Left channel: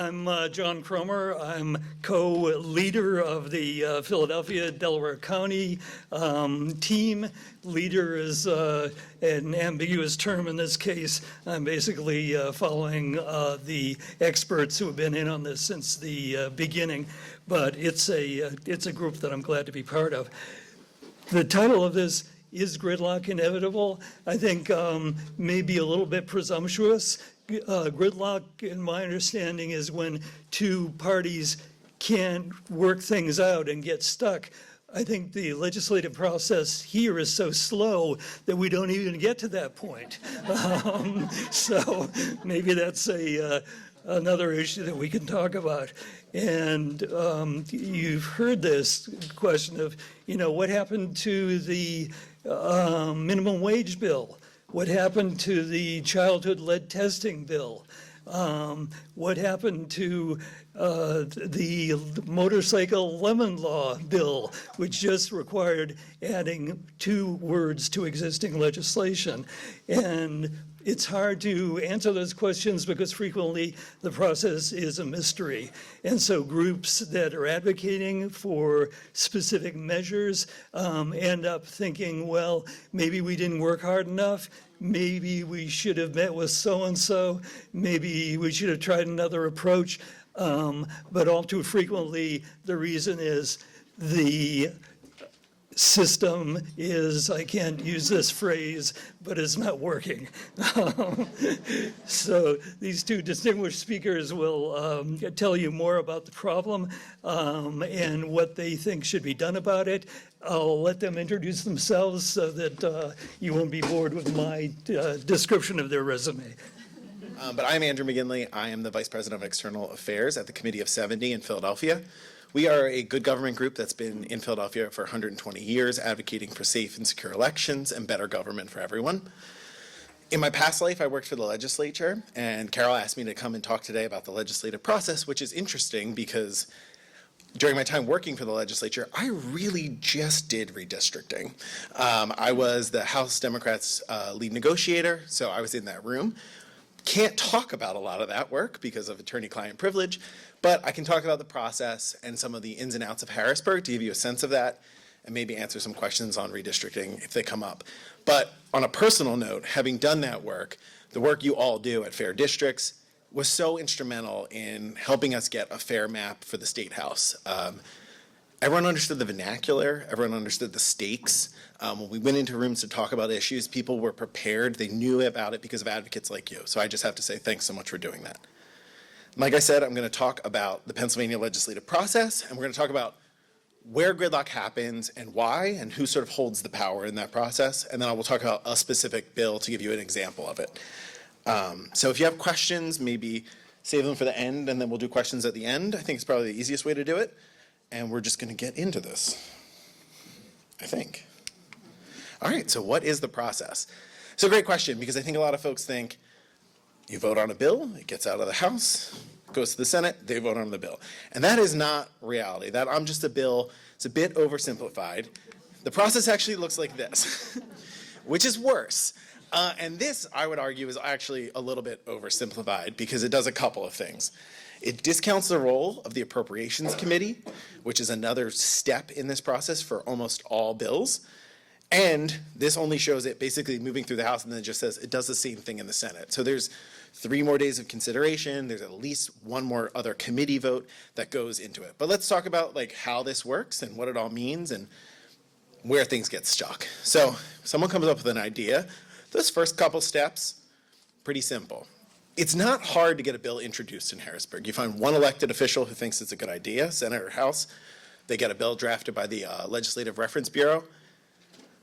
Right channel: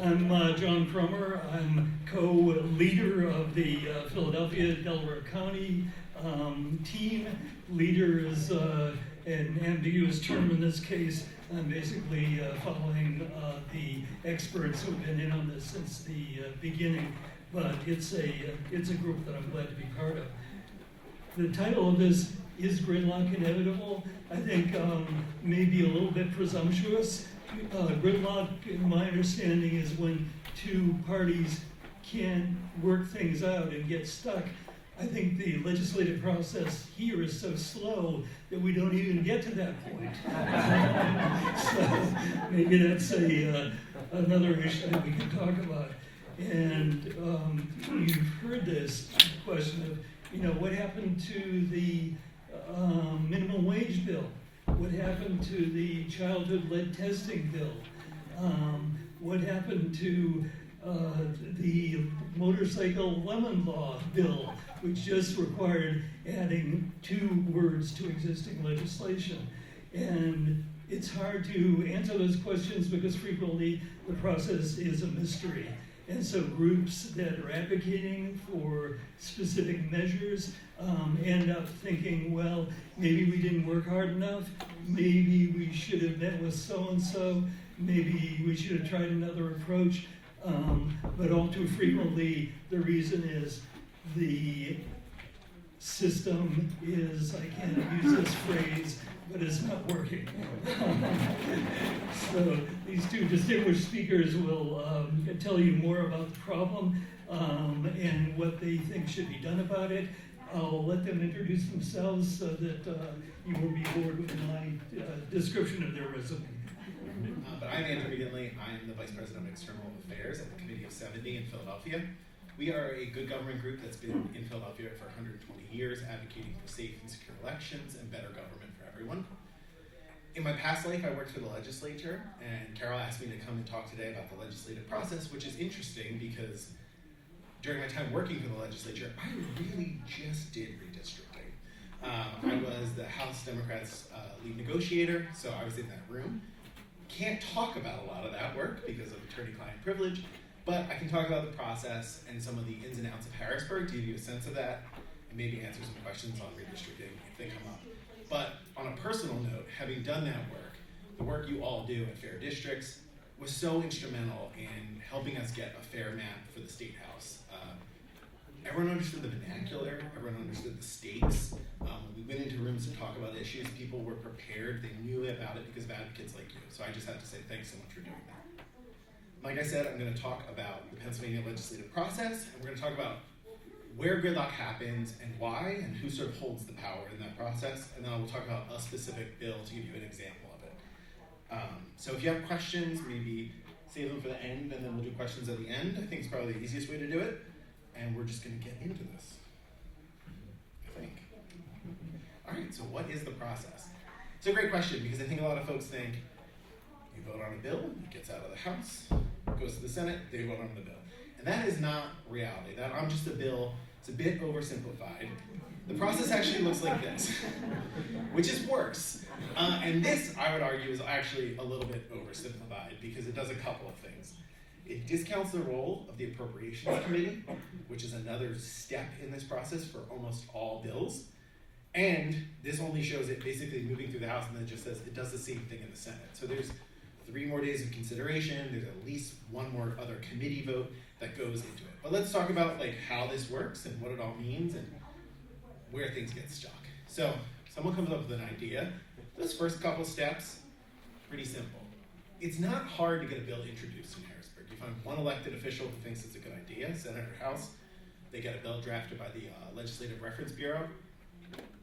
I'm John Kromer. I'm co-leader of the Philadelphia, Delaware County team. Leader is an ambiguous term in this case. I'm basically following the experts who have been in on this since the beginning, but it's a group that I'm glad to be part of. The title of this is Gridlock Inevitable? I think maybe a little bit presumptuous. Gridlock, in my understanding, is when two parties can't work things out and get stuck. I think the legislative process here is so slow that we don't even get to that point. So maybe that's another issue that we can talk about. And you've heard this question of, what happened to the minimum wage bill? What happened to the childhood lead testing bill? What happened to the motorcycle lemon law bill, which just required adding 2 words to existing legislation? And it's hard to answer those questions because frequently the process is a mystery. And so groups that are advocating for specific measures end up thinking, well, maybe we didn't work hard enough. Maybe we should have met with so-and-so. Maybe we should have tried another approach. But all too frequently, the reason is the system is, I can't use this phrase, but it's not working. So these 2 distinguished speakers will tell you more about the problem and what they think should be done about it. I'll let them introduce themselves so that you won't be bored with my description of their resume. But I'm Andrew McGinley. I am the Vice President of External Affairs at the Committee of 70 in Philadelphia. We are a good government group that's been in Philadelphia for 120 years, advocating for safe and secure elections and better government for everyone. In my past life, I worked for the legislature, and Carol asked me to come and talk today about the legislative process, which is interesting because during my time working for the legislature, I really just did redistricting. I was the House Democrats' lead negotiator, so I was in that room. Can't talk about a lot of that work because of attorney-client privilege, but I can talk about the process and some of the ins and outs of Harrisburg to give you a sense of that and maybe answer some questions on redistricting if they come up. But on a personal note, having done that work, the work you all do at Fair Districts was so instrumental in helping us get a fair map for the State House. Everyone understood the vernacular, everyone understood the stakes. When we went into rooms to talk about issues, people were prepared, they knew about it because of advocates like you. So I just have to say thanks so much for doing that. Like I said, I'm going to talk about the Pennsylvania legislative process, and we're going to talk about where gridlock happens and why, and who sort of holds the power in that process. And then I will talk about a specific bill to give you an example of it. So if you have questions, maybe save them for the end, and then we'll do questions at the end. I think it's probably the easiest way to do it. And we're just going to get into this, I think. All right, so what is the process? It's a great question because I think a lot of folks think, you vote on a bill, it gets out of the House, goes to the Senate, they vote on the bill. And that is not reality. That I'm just a bill, it's a bit oversimplified. The process actually looks like this, which is worse. And this, I would argue, is actually a little bit oversimplified because it does a couple of things. It discounts the role of the Appropriations Committee, which is another step in this process for almost all bills. And this only shows it basically moving through the House and then it just says it does the same thing in the Senate. So there's 3 more days of consideration. There's at least 1 more other committee vote that goes into it. But let's talk about how this works and what it all means and where things get stuck. So if someone comes up with an idea, those first couple steps, pretty simple. It's not hard to get a bill introduced in Harrisburg. You find one elected official who thinks it's a good idea, Senate or House. They get a bill drafted by the Legislative Reference Bureau.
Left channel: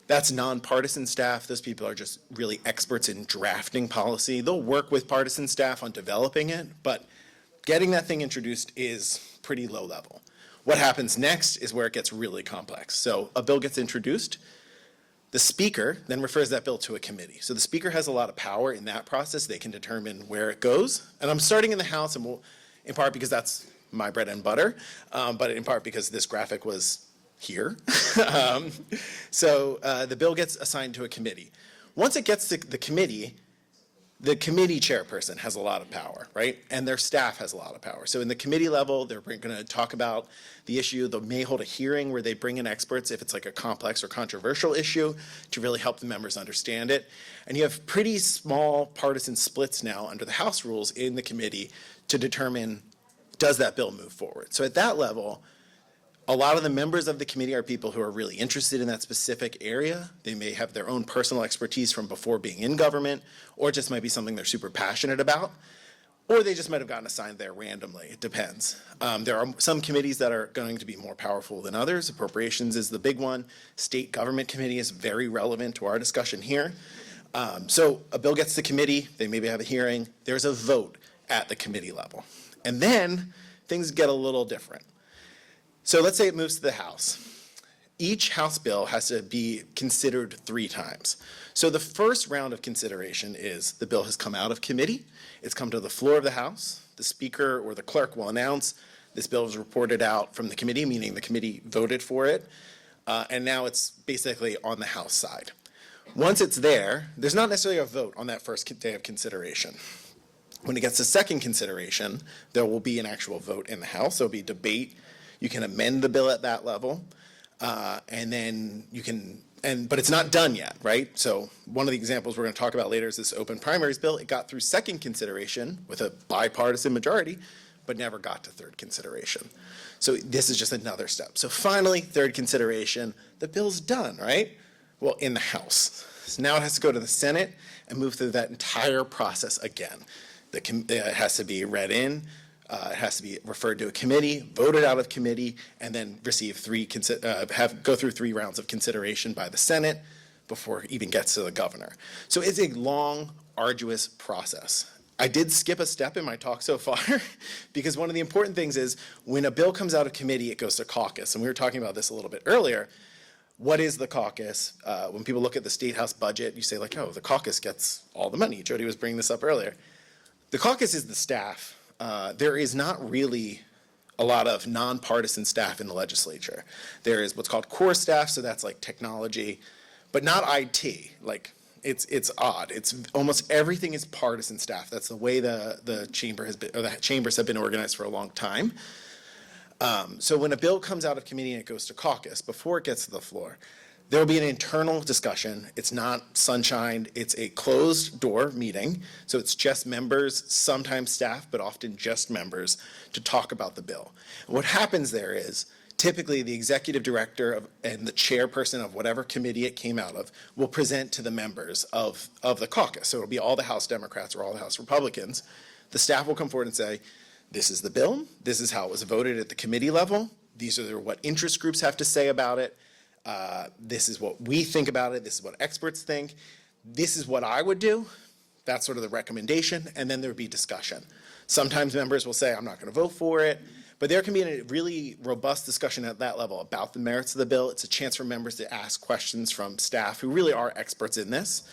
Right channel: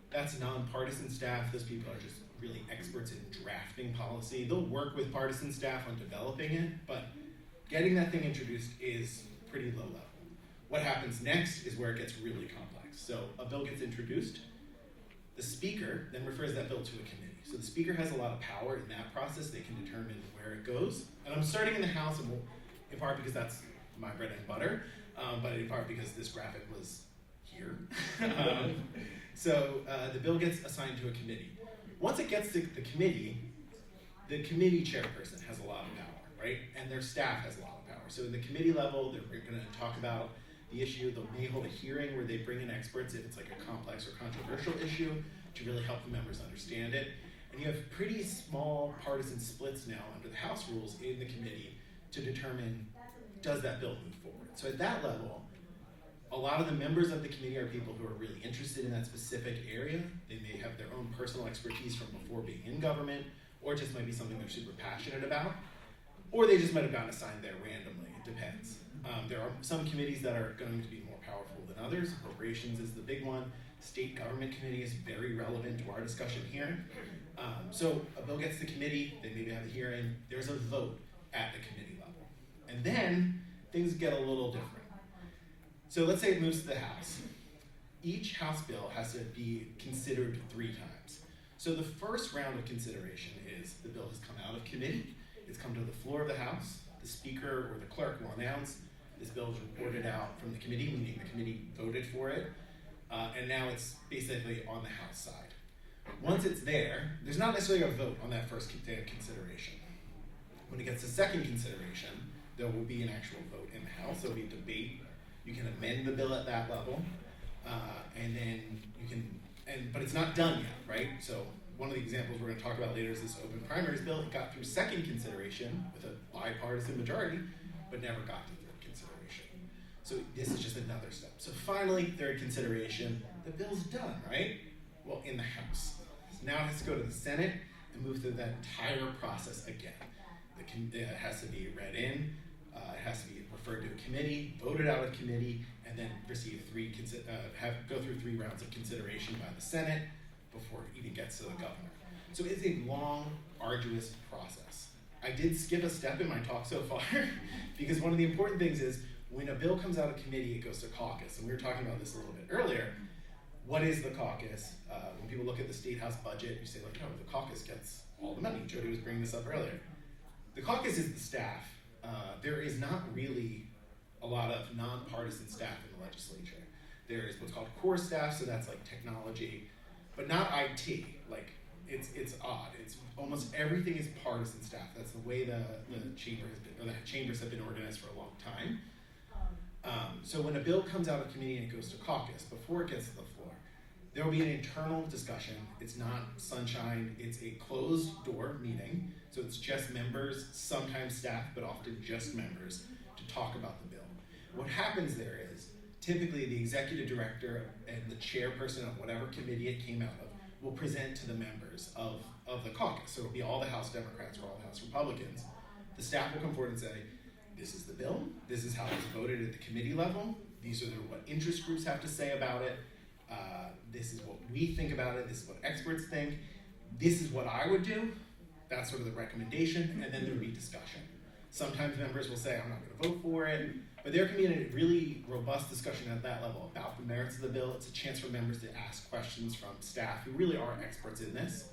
That's nonpartisan staff. Those people are just really experts in drafting policy. They'll work with partisan staff on developing it, but getting that thing introduced is pretty low level. What happens next is where it gets really complex. So a bill gets introduced. The Speaker then refers that bill to a committee. So the Speaker has a lot of power in that process. They can determine where it goes. And I'm starting in the House, and in part because that's my bread and butter, but in part because this graphic was here. So the bill gets assigned to a committee. Once it gets to the committee, The committee chairperson has a lot of power, right? And their staff has a lot of power. So in the committee level, they're going to talk about the issue. They may hold a hearing where they bring in experts if it's like a complex or controversial issue to really help the members understand it. And you have pretty small partisan splits now under the House rules in the committee to determine, does that bill move forward? So at that level, a lot of the members of the committee are people who are really interested in that specific area. They may have their own personal expertise from before being in government, or it just might be something they're super passionate about, or they just might have gotten assigned there randomly. It depends. There are some committees that are going to be more powerful than others. Appropriations is the big one. State Government Committee is very relevant to our discussion here. So a bill gets to committee, they maybe have a hearing, there's a vote at the committee level. And then things get a little different. So let's say it moves to the House. Each House bill has to be considered 3 times. So the first round of consideration is the bill has come out of committee, it's come to the floor of the House, the Speaker or the Clerk will announce this bill is reported out from the committee, meaning the committee voted for it, and now it's basically on the House side. Once it's there, there's not necessarily a vote on that first day of consideration. When it gets to second consideration, there will be an actual vote in the House. There'll be debate. You can amend the bill at that level, and then you can, but it's not done yet, right? So one of the examples we're going to talk about later is this open primaries bill. It got through second consideration with a bipartisan majority, but never got to third consideration. So this is just another step. So finally, third consideration, the bill's done, right? Well, in the House. So now it has to go to the Senate and move through that entire process again. It has to be read in, it has to be referred to a committee, voted out of committee, and then receive go through 3 rounds of consideration by the Senate before it even gets to the governor. So it's a long, arduous process. I did skip a step in my talk so far because one of the important things is when a bill comes out of committee, it goes to caucus. And we were talking about this a little bit earlier. What is the caucus? When people look at the State House budget, you say like, oh, the caucus gets all the money. Jodi was bringing this up earlier. The caucus is the staff. There is not really a lot of nonpartisan staff in the legislature. There is what's called core staff, so that's like technology, but not IT. Like it's odd. It's almost everything is partisan staff. That's the way the chamber has been, or the chambers have been organized for a long time. So when a bill comes out of committee and it goes to caucus, before it gets to the floor, there will be an internal discussion. It's not sunshine. It's a closed door meeting. So it's just members, sometimes staff, but often just members to talk about the bill. And what happens there is typically the executive director and the chairperson of whatever committee it came out of will present to the members of the caucus. So it'll be all the House Democrats or all the House Republicans. The staff will come forward and say, this is the bill. This is how it was voted at the committee level. These are what interest groups have to say about it. This is what we think about it. This is what experts think. This is what I would do. That's sort of the recommendation. And then there would be discussion. Sometimes members will say, I'm not going to vote for it. But there can be a really robust discussion at that level about the merits of the bill. It's a chance for members to ask questions from staff who really are experts in this.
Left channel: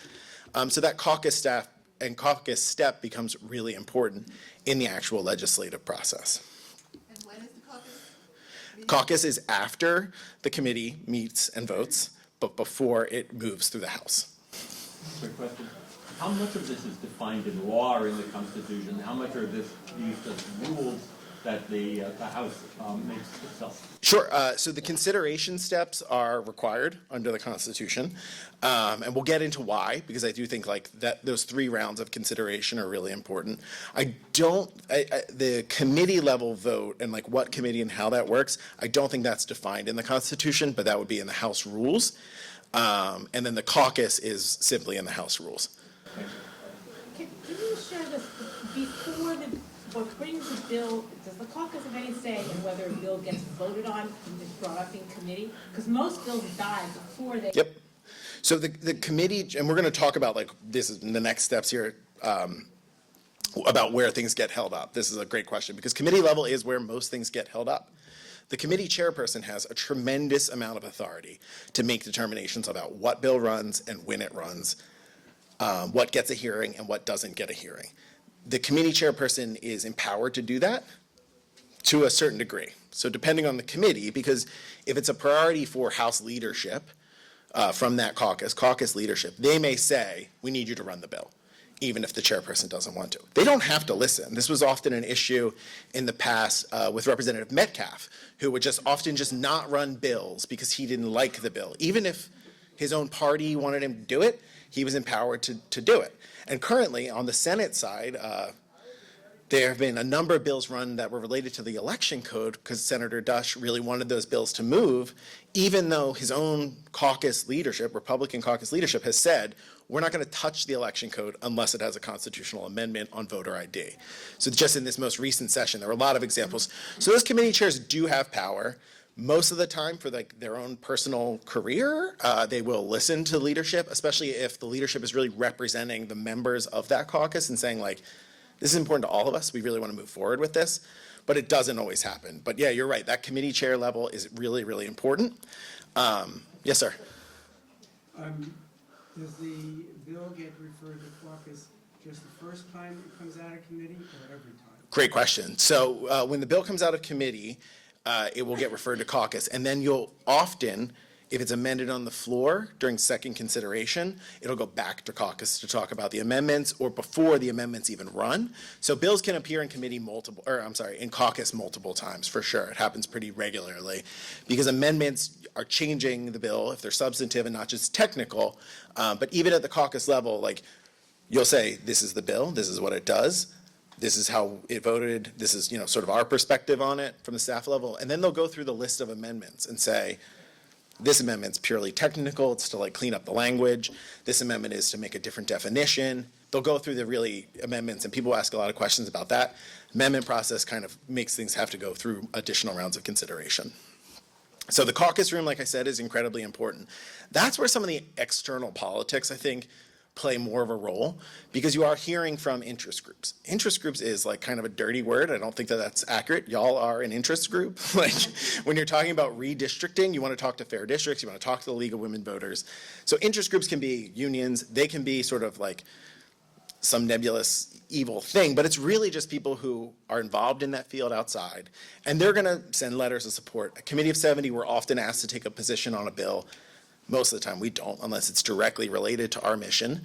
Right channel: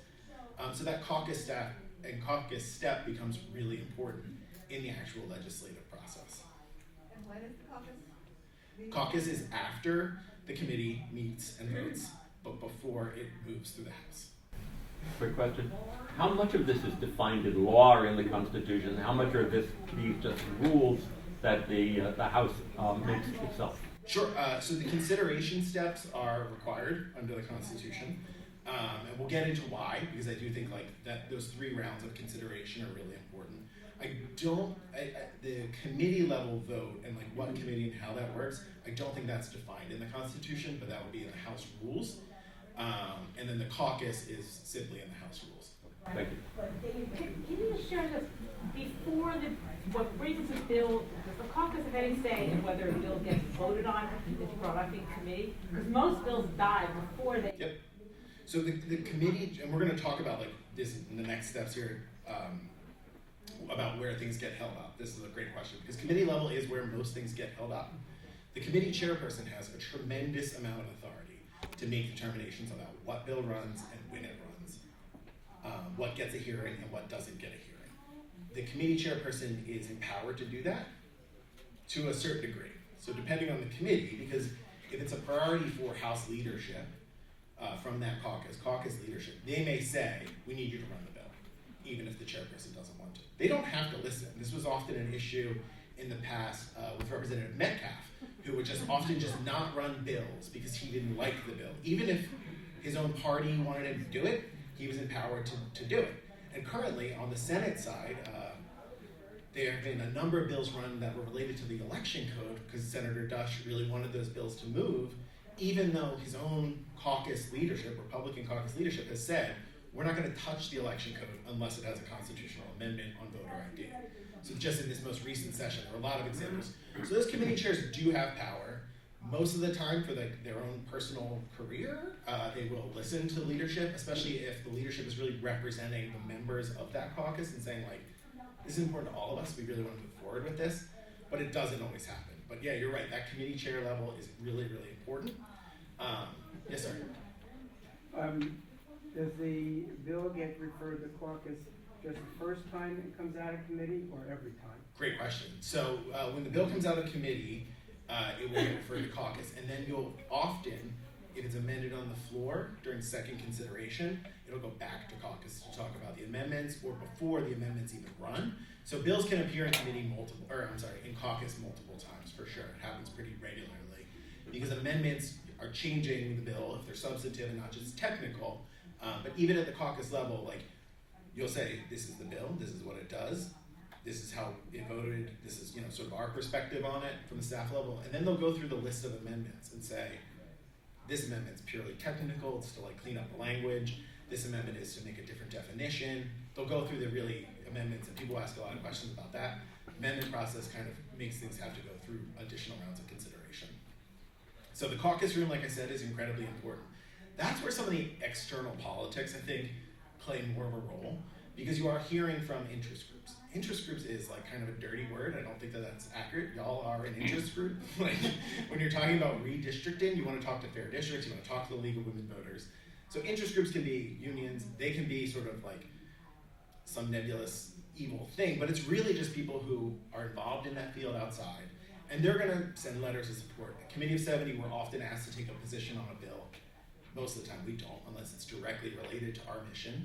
So that caucus staff and caucus step becomes really important in the actual legislative process. And when is the caucus? Caucus is after the committee meets and votes, but before it moves through the House. Quick question. How much of this is defined in law or in the Constitution? How much are these just rules that the House makes itself? Sure. So the consideration steps are required under the Constitution. And we'll get into why, because I do think like that those 3 rounds of consideration are really important. The committee level vote and like what committee and how that works, I don't think that's defined in the Constitution, but that would be in the House rules. And then the caucus is simply in the House rules. Thank you. Can you share this before what brings the bill? Does the caucus have any say in whether a bill gets voted on, it's brought up in committee? Because most bills die before they. Yep. So the committee, and we're going to talk about like this in the next steps here about where things get held up. This is a great question because committee level is where most things get held up. The committee chairperson has a tremendous amount of authority to make determinations about what bill runs and when it runs, what gets a hearing and what doesn't get a hearing. The committee chairperson is empowered to do that to a certain degree. So depending on the committee, because if it's a priority for House leadership, from that caucus leadership, they may say, we need you to run the bill. even if the chairperson doesn't want to. They don't have to listen. This was often an issue in the past with Representative Metcalf, who would just often just not run bills because he didn't like the bill. Even if his own party wanted him to do it, he was empowered to do it. And currently, on the Senate side, there have been a number of bills run that were related to the election code because Senator Dush really wanted those bills to move, even though his own caucus leadership, Republican caucus leadership, has said, we're not going to touch the election code unless it has a constitutional amendment on voter ID. So just in this most recent session, there were a lot of examples. So those committee chairs do have power. Most of the time for their own personal career, they will listen to leadership, especially if the leadership is really representing the members of that caucus and saying, like, this is important to all of us. We really want to move forward with this. But it doesn't always happen. But yeah, you're right. That committee chair level is really, really important. Yes, sir. Does the bill get referred to caucus just the first time it comes out of committee or every time? Great question. So when the bill comes out of committee, it will get referred to caucus. And then you'll often, if it's amended on the floor during second consideration, it'll go back to caucus to talk about the amendments or before the amendments even run. So bills can appear in committee in caucus multiple times for sure. It happens pretty regularly because amendments are changing the bill if they're substantive and not just technical. But even at the caucus level, like you'll say, this is the bill, this is what it does, this is how it voted, this is sort of our perspective on it from the staff level, and then they'll go through the list of amendments and say, this amendment's purely technical, it's to like clean up the language, this amendment is to make a different definition. They'll go through the really amendments, and people ask a lot of questions about that. Amendment process kind of makes things have to go through additional rounds of consideration. So the caucus room, like I said, is incredibly important. That's where some of the external politics, I think, play more of a role because you are hearing from interest groups. Interest groups is like kind of a dirty word. I don't think that that's accurate. Y'all are an interest group. Like when you're talking about redistricting, you want to talk to fair districts, you want to talk to the League of Women Voters. So interest groups can be unions. They can be sort of like some nebulous evil thing, but it's really just people who are involved in that field outside. And they're going to send letters of support. A committee of 70, we're often asked to take a position on a bill. Most of the time we don't, unless it's directly related to our mission.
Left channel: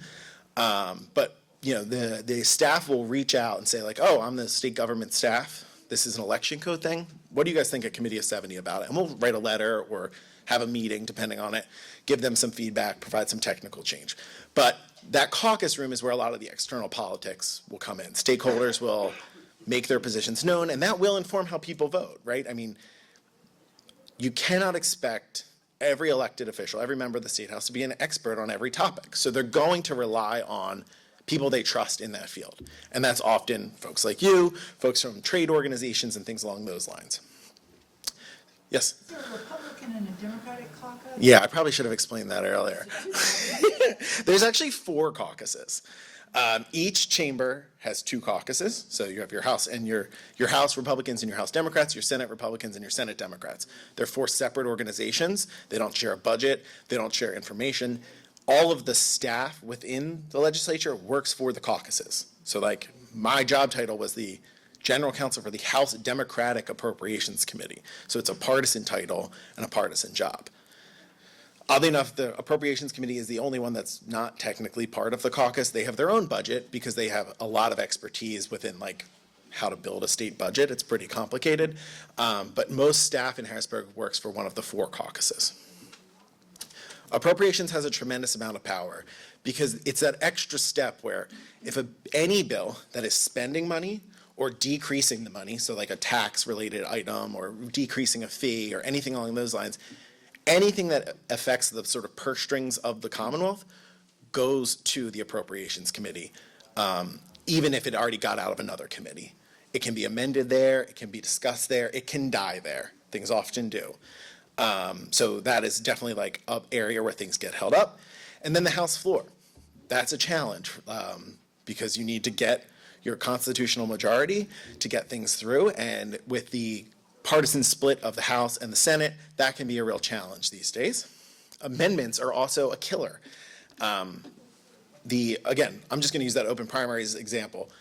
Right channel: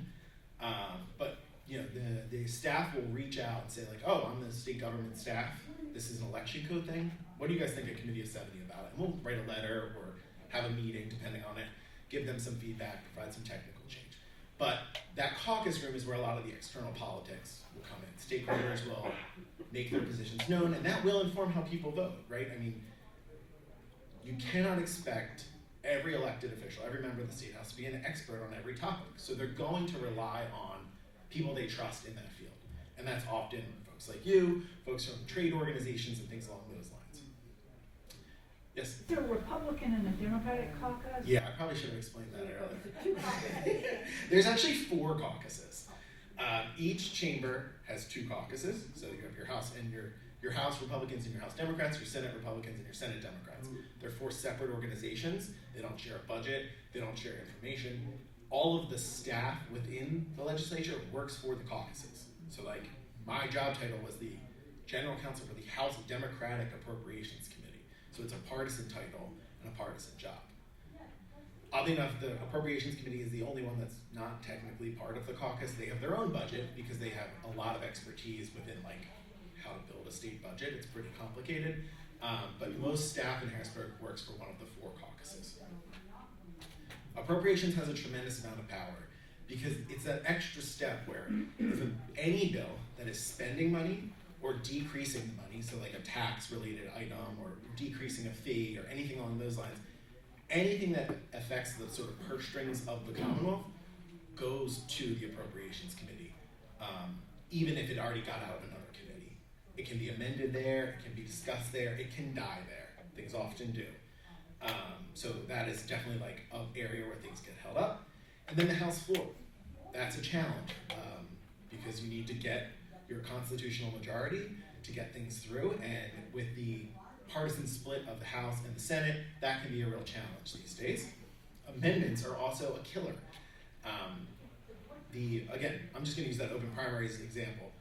But the staff will reach out and say like, oh, I'm the state government staff. This is an election code thing. What do you guys think at Committee of 70 about it? And we'll write a letter or have a meeting, depending on it, give them some feedback, provide some technical change. But that caucus room is where a lot of the external politics will come in. Stakeholders will make their positions known, and that will inform how people vote, right? I mean, you cannot expect every elected official, every member of the state house to be an expert on every topic. So they're going to rely on people they trust in that field. And that's often folks like you, folks from trade organizations and things along those lines. Yes? Is there a Republican and a Democratic caucus? Yeah, I probably should have explained that earlier. There's actually 4 caucuses. Each chamber has 2 caucuses. So you have your House and your House Republicans and your House Democrats, your Senate Republicans and your Senate Democrats. They're 4 separate organizations. They don't share a budget. They don't share information. All of the staff within the legislature works for the caucuses. So like my job title was the General Counsel for the House Democratic Appropriations Committee. So it's a partisan title and a partisan job. Oddly enough, the Appropriations Committee is the only one that's not technically part of the caucus. They have their own budget because they have a lot of expertise within like how to build a state budget. It's pretty complicated. But most staff in Harrisburg works for one of the 4 caucuses. Appropriations has a tremendous amount of power because it's that extra step where if any bill that is spending money or decreasing the money, so like a tax-related item or decreasing a fee or anything along those lines, anything that affects the sort of purse strings of the Commonwealth goes to the Appropriations Committee, even if it already got out of another committee. It can be amended there, it can be discussed there, it can die there. Things often do. So that is definitely like an area where things get held up. And then the House floor. That's a challenge because you need to get your constitutional majority to get things through. And with the partisan split of the House and the Senate, that can be a real challenge these days. Amendments are also a killer. Again, I'm just going to use that open primaries example.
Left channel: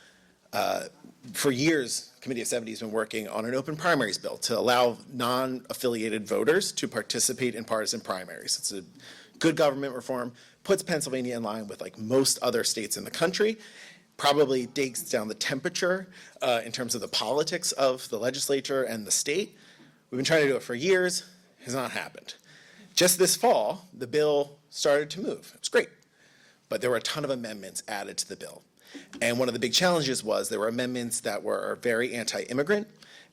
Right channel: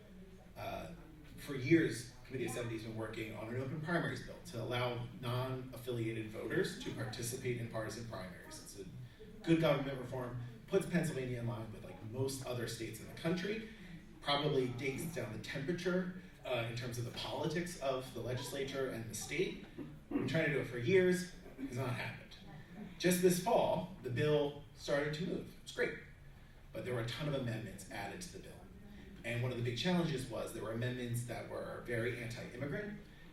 For years, Committee of 70 has been working on an open primaries bill to allow non-affiliated voters to participate in partisan primaries. It's a good government reform, puts Pennsylvania in line with like most other states in the country, probably digs down the temperature in terms of the politics of the legislature and the state. We've been trying to do it for years. It has not happened. Just this fall, the bill started to move. It's great. But there were a ton of amendments added to the bill. And one of the big challenges was there were amendments that were very anti-immigrant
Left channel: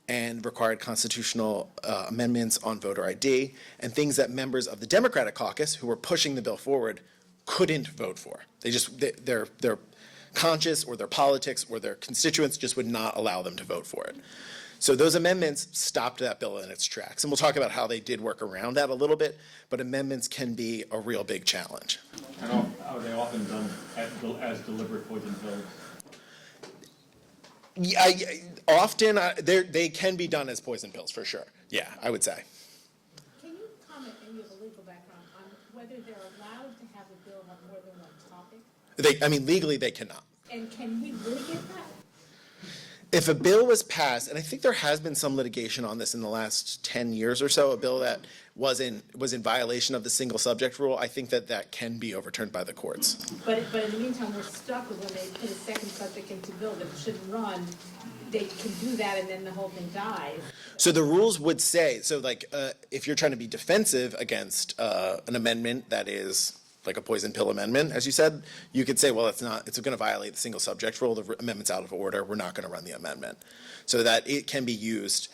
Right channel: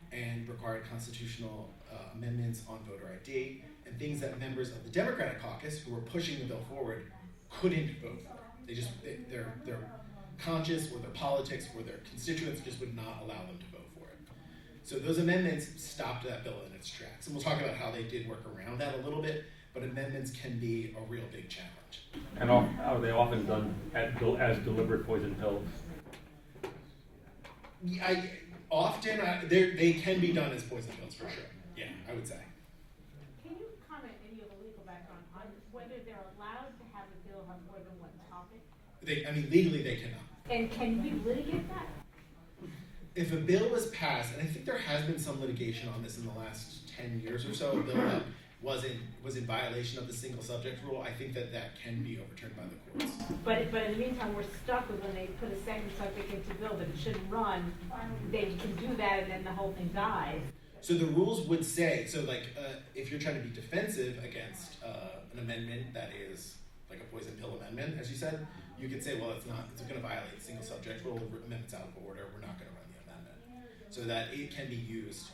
and required constitutional amendments on voter ID, and things that members of the Democratic caucus who were pushing the bill forward couldn't vote for. Their conscience or their politics or their constituents just would not allow them to vote for it. So those amendments stopped that bill in its tracks. And we'll talk about how they did work around that a little bit, but amendments can be a real big challenge. And are they often done as deliberate poison pills? Yeah, often they can be done as poison pills for sure. Yeah, I would say. Can you comment, and you have a legal background, on whether they're allowed to have a bill on more than one topic? Legally they cannot. And can we litigate that? If a bill was passed, and I think there has been some litigation on this in the last 10 years or so, a bill that was in violation of the single subject rule, I think that can be overturned by the courts. But in the meantime, we're stuck with when they put a second subject into bill that it shouldn't run, they can do that and then the whole thing dies. So the rules would say, if you're trying to be defensive against an amendment that is like a poison pill amendment, as you said, you could say, well, it's going to violate the single subject rule, the amendment's out of order, we're not going to run the amendment. So that it can be used.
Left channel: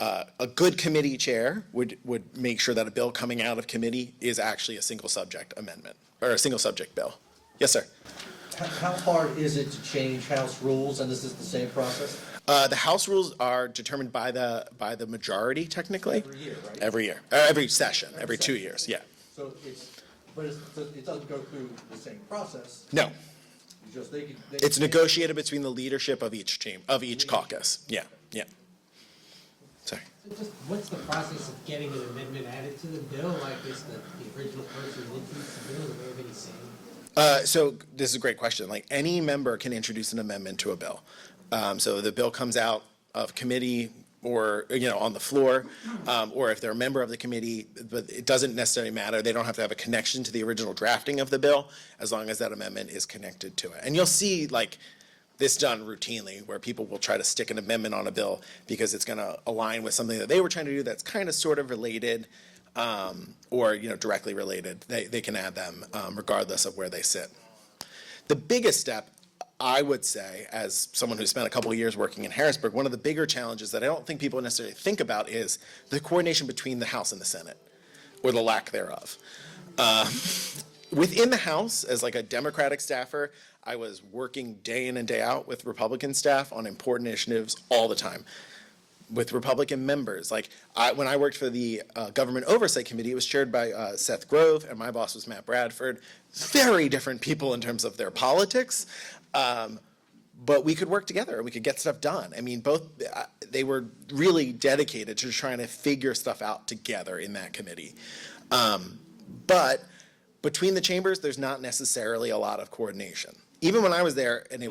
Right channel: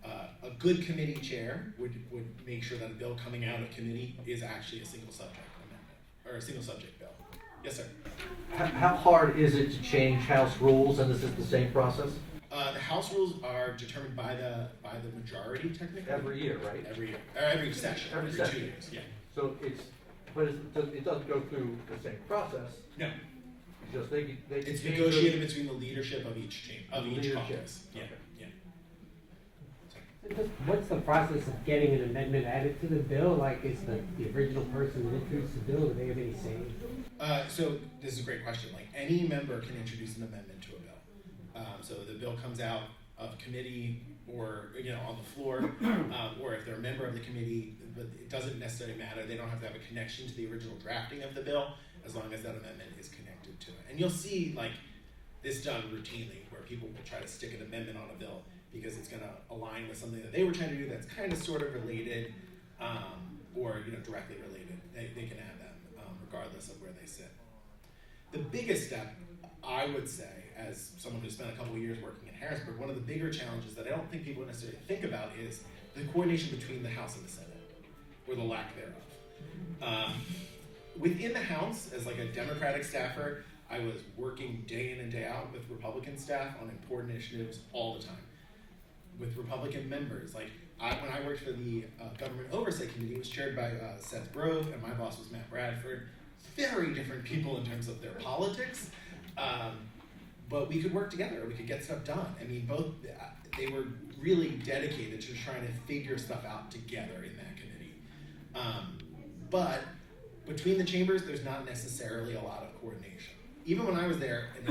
A good committee chair would make sure that a bill coming out of committee is actually a single subject amendment, or a single subject bill. Yes, sir. How hard is it to change House rules, and is this the same process? The House rules are determined by the majority, technically. Every year, right? Every year. Every session. Every 2 session. years, yeah. So it doesn't go through the same process. No. Just It's negotiated between the leadership of each caucus. Yeah, yeah. Sorry. What's the process of getting an amendment added to the bill? Like, is the original person who introduced the bill, do they have any say? So this is a great question. Like, any member can introduce an amendment to a bill. So the bill comes out of committee or on the floor, or if they're a member of the committee, but it doesn't necessarily matter. They don't have to have a connection to the original drafting of the bill, as long as that amendment is connected to it. And you'll see this done routinely, where people will try to stick an amendment on a bill because it's going to align with something that they were trying to do that's kind of sort of related, or directly related. They can add them regardless of where they sit. The biggest step, I would say, as someone who spent a couple of years working in Harrisburg, one of the bigger challenges that I don't think people necessarily think about is the coordination between the House and the Senate, or the lack thereof. Within the House, as a Democratic staffer, I was working day in and day out with Republican staff on important initiatives all the time. With Republican members, when I worked for the Government Oversight Committee, it was chaired by Seth Grove, and my boss was Matt Bradford. Very different people in terms of their politics, but we could work together. We could get stuff done. I mean, they were really dedicated to trying to figure stuff out together in that committee. But between the chambers, there's not necessarily a lot of coordination. Even when I was there, and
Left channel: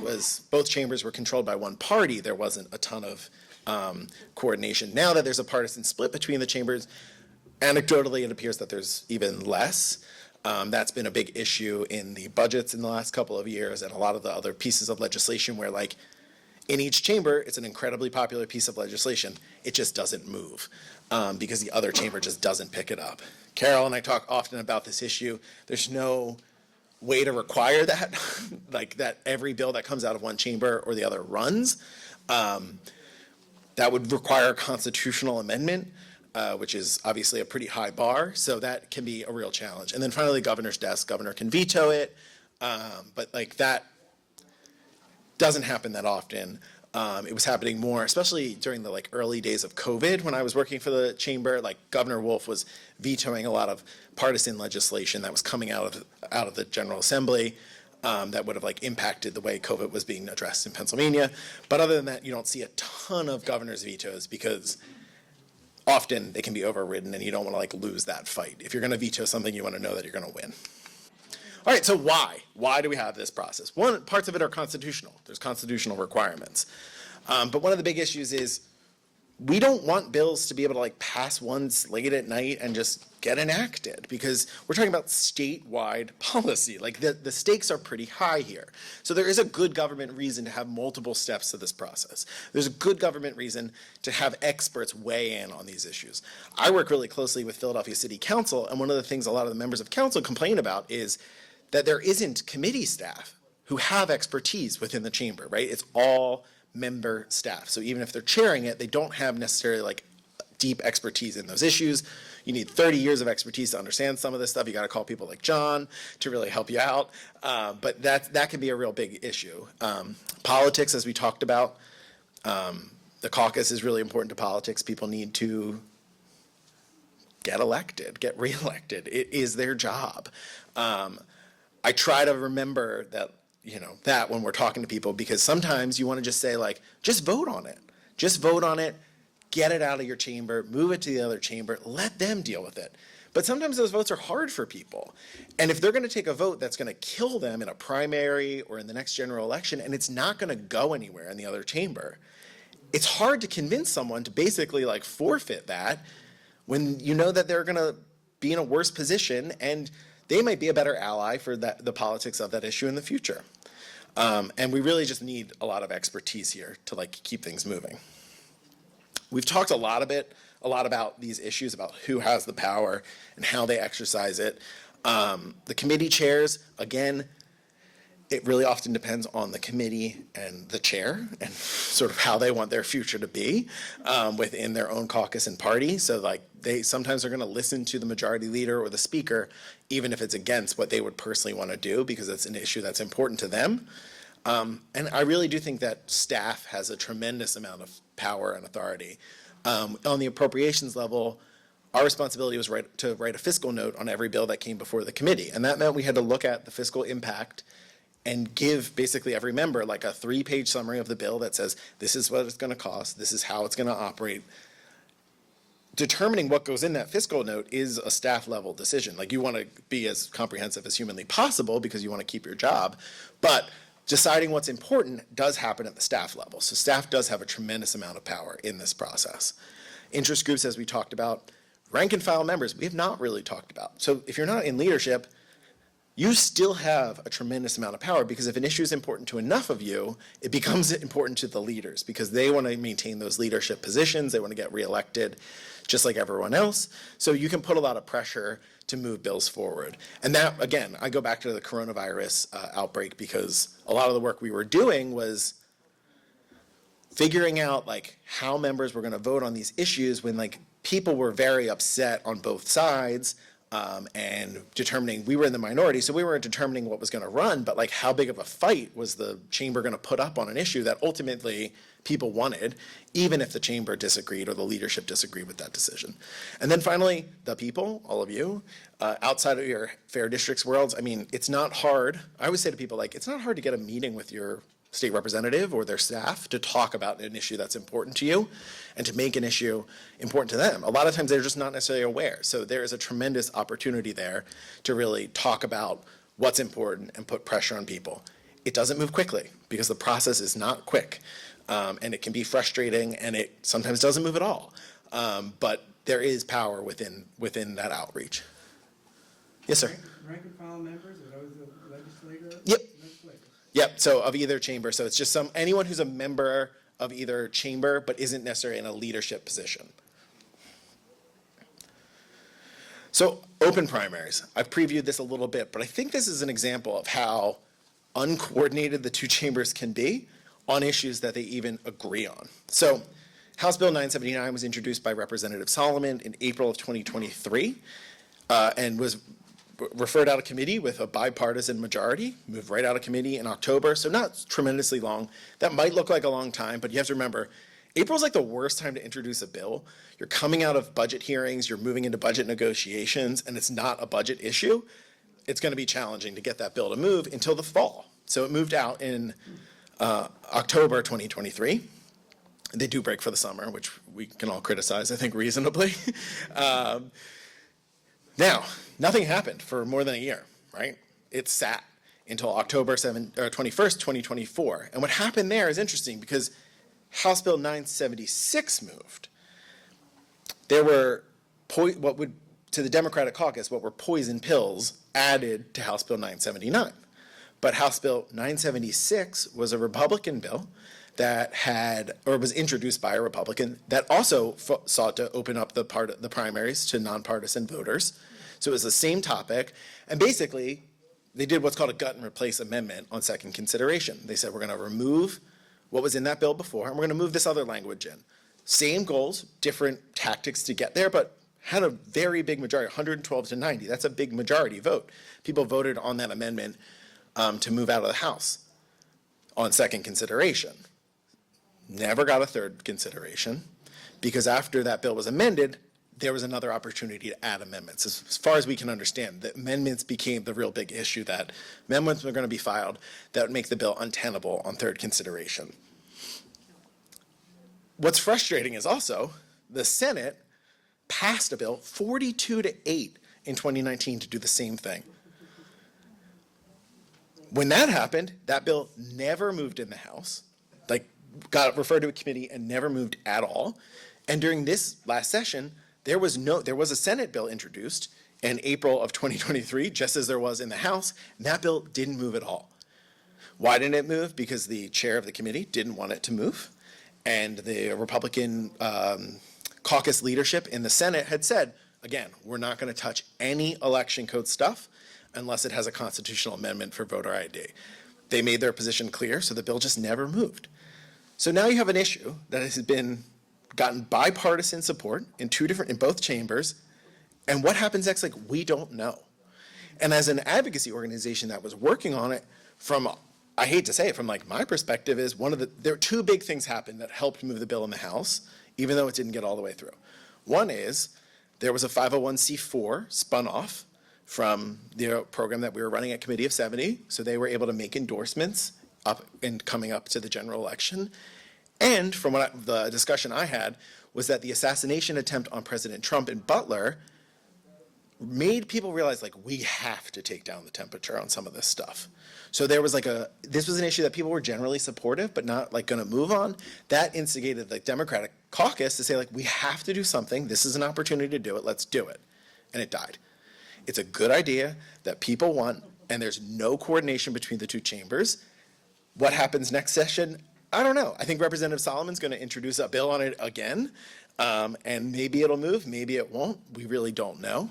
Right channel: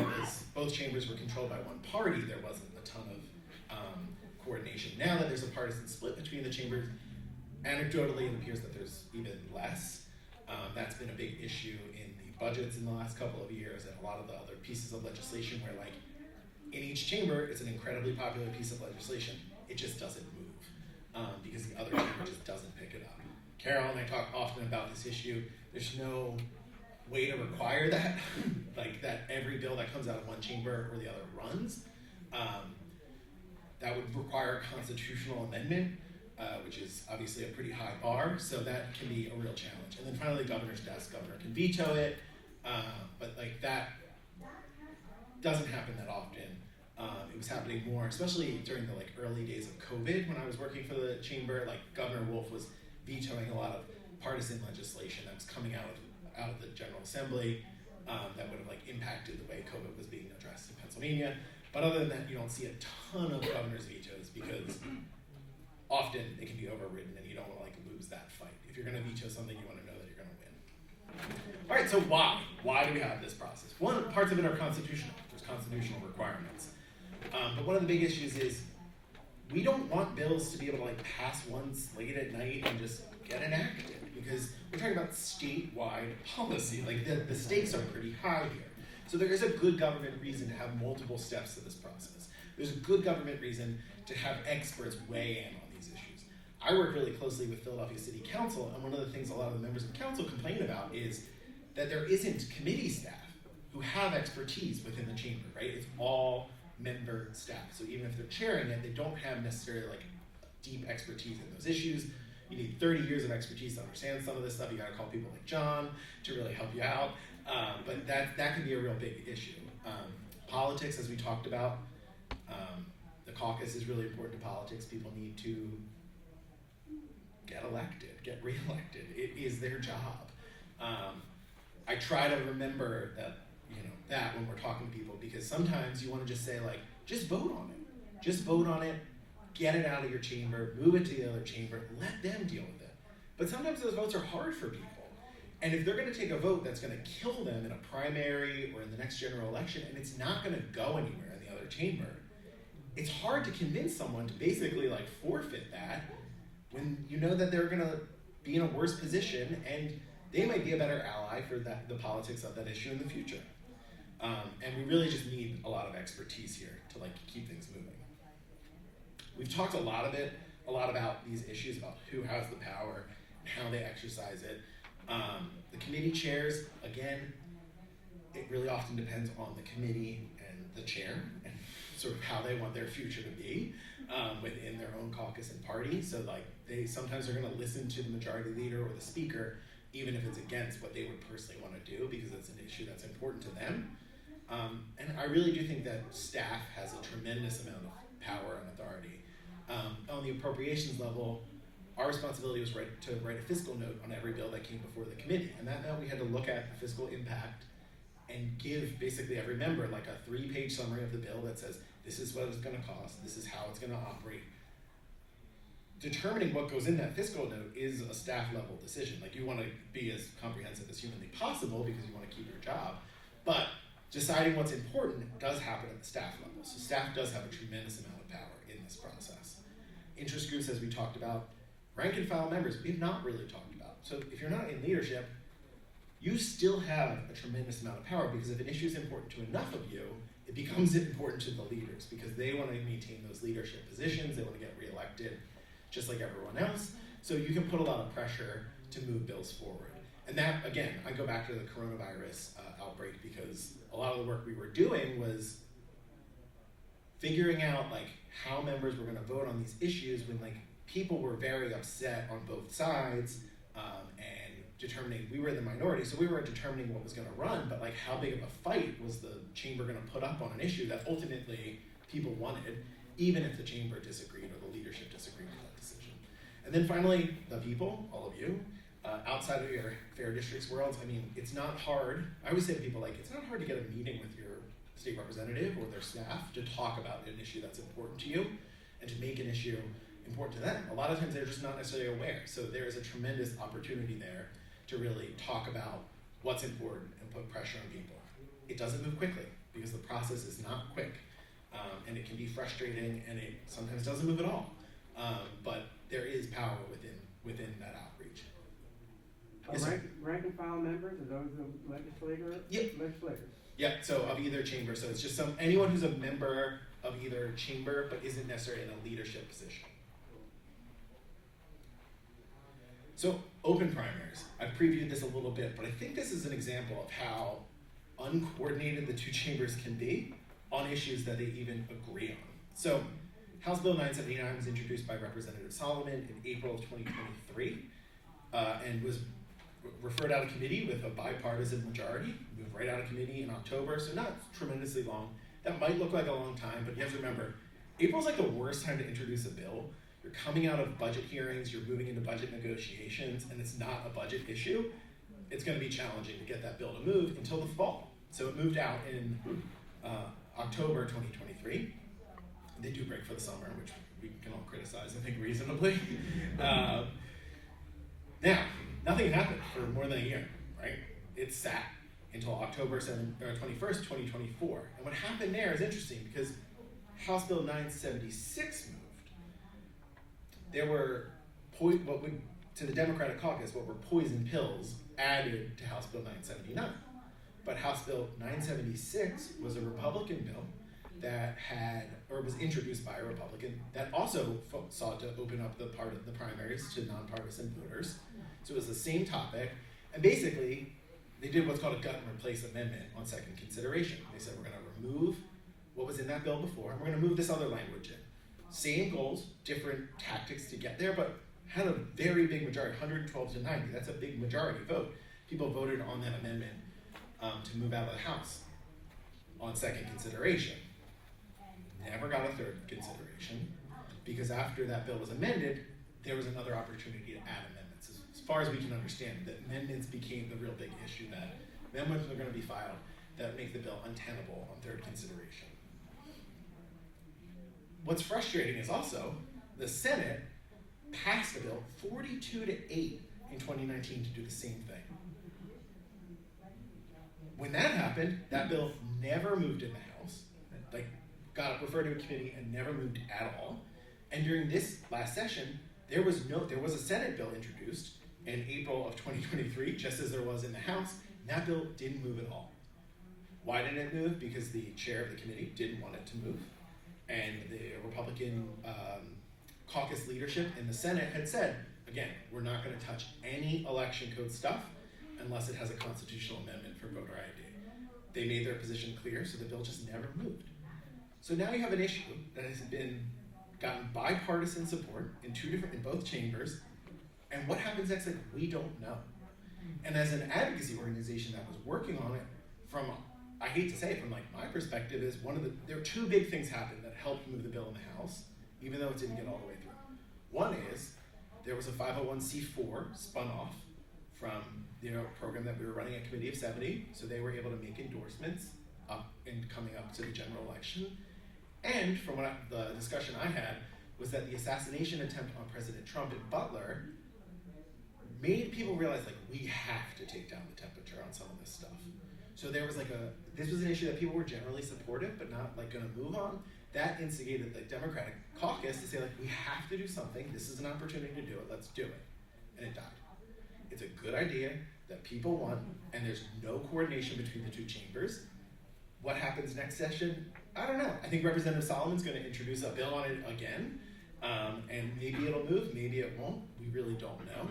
both chambers were controlled by one party, there wasn't a ton of coordination. Now that there's a partisan split between the chambers, anecdotally it appears that there's even less. That's been a big issue in the budgets in the last couple of years, and a lot of the other pieces of legislation where in each chamber it's an incredibly popular piece of legislation. It just doesn't move because the other chamber just doesn't pick it up. Carol and I talk often about this issue. There's no way to require that, that every bill that comes out of one chamber or the other runs. That would require a constitutional amendment, which is obviously a pretty high bar, so that can be a real challenge. And then finally, governor's desk. Governor can veto it, but that doesn't happen that often. It was happening more, especially during the early days of COVID when I was working for the chamber. Governor Wolf was vetoing a lot of partisan legislation that was coming out of the General Assembly that would have impacted the way COVID was being addressed in Pennsylvania. But other than that, you don't see a ton of governor's vetoes because often they can be overridden and you don't want to lose that fight. If you're going to veto something, you want to know that you're going to win. All right, so why? Why do we have this process? Parts of it are constitutional. There's constitutional requirements. But one of the big issues is we don't want bills to be able to like pass once late at night and just get enacted, because we're talking about statewide policy. Like the stakes are pretty high here. So there is a good government reason to have multiple steps to this process. There's a good government reason to have experts weigh in on these issues. I work really closely with Philadelphia City Council, and one of the things a lot of the members of council complain about is that there isn't committee staff who have expertise within the chamber, right? It's all member staff. So even if they're chairing it, they don't have necessarily like deep expertise in those issues. You need 30 years of expertise to understand some of this stuff. You got to call people like John to really help you out. But that can be a real big issue. Politics, as we talked about, the caucus is really important to politics. People need to get elected, get reelected. It is their job. I try to remember that when we're talking to people, because sometimes you want to just say like, just vote on it. Just vote on it. Get it out of your chamber, move it to the other chamber, let them deal with it. But sometimes those votes are hard for people. And if they're going to take a vote that's going to kill them in a primary or in the next general election, and it's not going to go anywhere in the other chamber, it's hard to convince someone to basically like forfeit that when you know that they're going to be in a worse position and they might be a better ally for the politics of that issue in the future. And we really just need a lot of expertise here to like keep things moving. We've talked a lot about these issues, about who has the power and how they exercise it. The committee chairs, again, it really often depends on the committee and the chair and sort of how they want their future to be within their own caucus and party. So like they sometimes are going to listen to the majority leader or the speaker, even if it's against what they would personally want to do, because it's an issue that's important to them. And I really do think that staff has a tremendous amount of power and authority. On the appropriations level, our responsibility was to write a fiscal note on every bill that came before the committee. And that meant we had to look at the fiscal impact and give basically every member like a 3-page summary of the bill that says, this is what it's going to cost, this is how it's going to operate. Determining what goes in that fiscal note is a staff level decision. Like you want to be as comprehensive as humanly possible because you want to keep your job, but deciding what's important does happen at the staff level. So staff does have a tremendous amount of power in this process. Interest groups, as we talked about, rank and file members, we have not really talked about. So if you're not in leadership, you still have a tremendous amount of power, because if an issue is important to enough of you, it becomes important to the leaders because they want to maintain those leadership positions, they want to get reelected just like everyone else. So you can put a lot of pressure to move bills forward. And that, again, I go back to the coronavirus outbreak, because a lot of the work we were doing was figuring out like how members were going to vote on these issues when like people were very upset on both sides, and determining, we were in the minority, so we weren't determining what was going to run, but like how big of a fight was the chamber going to put up on an issue that ultimately people wanted, even if the chamber disagreed or the leadership disagreed with that decision. And then finally, the people, all of you, outside of your fair districts worlds, I mean, it's not hard. I always say to people, like, it's not hard to get a meeting with your state representative or their staff to talk about an issue that's important to you and to make an issue important to them. A lot of times they're just not necessarily aware. So there is a tremendous opportunity there to really talk about what's important and put pressure on people. It doesn't move quickly because the process is not quick. And it can be frustrating, and it sometimes doesn't move at all. But there is power within that outreach. Yes, sir. Rank and file members, are those the legislators? Yep. Legislators. Yep. So of either chamber. So it's just anyone who's a member of either chamber but isn't necessarily in a leadership position. So open primaries. I've previewed this a little bit, but I think this is an example of how uncoordinated the two chambers can be on issues that they even agree on. So House Bill 979 was introduced by Representative Solomon in April of 2023 and was referred out of committee with a bipartisan majority, moved right out of committee in October, so not tremendously long. That might look like a long time, but you have to remember, April's like the worst time to introduce a bill. You're coming out of budget hearings, you're moving into budget negotiations, and it's not a budget issue. It's going to be challenging to get that bill to move until the fall. So it moved out in October 2023. They do break for the summer, which we can all criticize, I think, reasonably. Now, nothing happened for more than a year, right? It sat until October 21st, 2024. And what happened there is interesting because House Bill 976 moved, there were to the Democratic caucus, what were poison pills added to House Bill 979. But House Bill 976 was a Republican bill that was introduced by a Republican that also sought to open up the primaries to nonpartisan voters. So it was the same topic, and basically they did what's called a gut and replace amendment on second consideration. They said, we're going to remove what was in that bill before, and we're going to move this other language in. Same goals, different tactics to get there, but had a very big majority, 112 to 90. That's a big majority vote. People voted on that amendment to move out of the House on second consideration. Never got a third consideration, because after that bill was amended, there was another opportunity to add amendments. As far as we can understand, the amendments became the real big issue, that amendments were going to be filed that would make the bill untenable on third consideration. What's frustrating is also the Senate passed a bill 42-8 in 2019 to do the same thing. When that happened, that bill never moved in the House, got referred to a committee and never moved at all. And during this last session, there was a Senate bill introduced in April of 2023, just as there was in the House, and that bill didn't move at all. Why didn't it move? Because the chair of the committee didn't want it to move, and the Republican caucus leadership in the Senate had said, again, we're not going to touch any election code stuff unless it has a constitutional amendment for voter ID. They made their position clear, so the bill just never moved. So now you have an issue that has gotten bipartisan support in both chambers, and what happens next, we don't know. And as an advocacy organization that was working on it, I hate to say it, from my perspective, is there are two big things happened that helped move the bill in the House, even though it didn't get all the way through. One is there was a 501c4 spun off from the program that we were running at Committee of 70, so they were able to make endorsements coming up to the general election. And from the discussion I had was that the assassination attempt on President Trump in Butler made people realize we have to take down the temperature on some of this stuff. So there was this was an issue that people were generally supportive but not going to move on. That instigated the Democratic caucus to say we have to do something. This is an opportunity to do it. Let's do it. And it died. It's a good idea that people want, and there's no coordination between the two chambers. What happens next session? I don't know. I think Representative Solomon's going to introduce a bill on it again, and maybe it'll move, maybe it won't. We really don't know.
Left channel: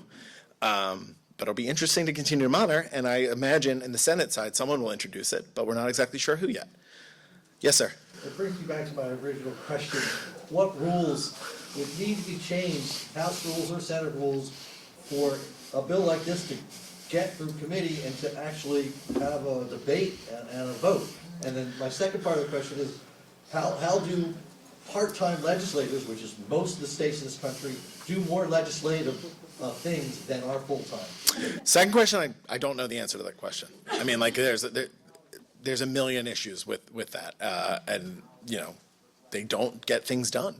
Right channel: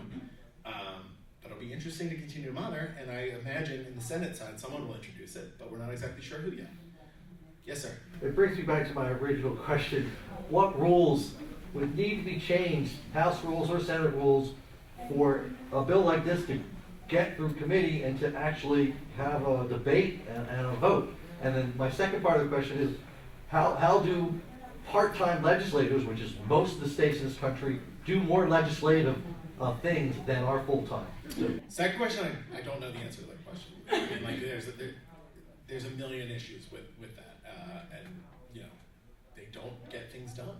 But it'll be interesting to continue to monitor, and I imagine in the Senate side someone will introduce it, but we're not exactly sure who yet. Yes, sir. It brings me back to my original question. What rules would need to be changed, House rules or Senate rules, for a bill like this to get through committee and to actually have a debate and a vote? And then my second part of the question is, how do part-time legislators, which is most of the states in this country, do more legislative things than are full-time? Second question, I don't know the answer to that question. I mean, there's a million issues with that, and they don't get things done.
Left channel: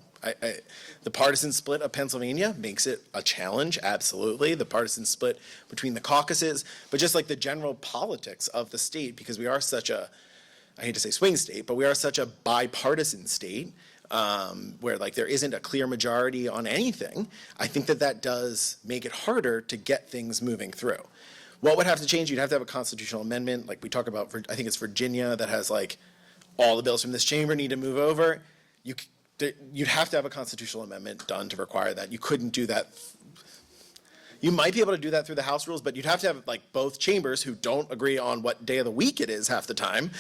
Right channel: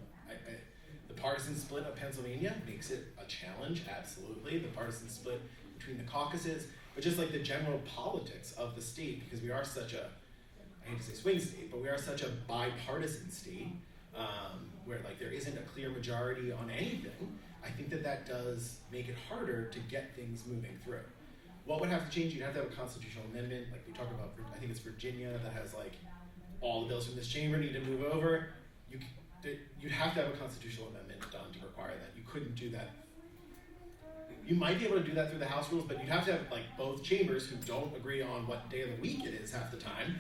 The partisan split of Pennsylvania makes it a challenge, absolutely. The partisan split between the caucuses, but just the general politics of the state, because we are such a, I hate to say swing state, but we are such a bipartisan state where there isn't a clear majority on anything. I think that does make it harder to get things moving through. What would have to change? You'd have to have a constitutional amendment, like we talk about. I think it's Virginia that has all the bills from this chamber need to move over. You'd have to have a constitutional amendment done to require that. You couldn't do that. You might be able to do that through the House rules, but you'd have to have both chambers who don't agree on what day of the week it is half the time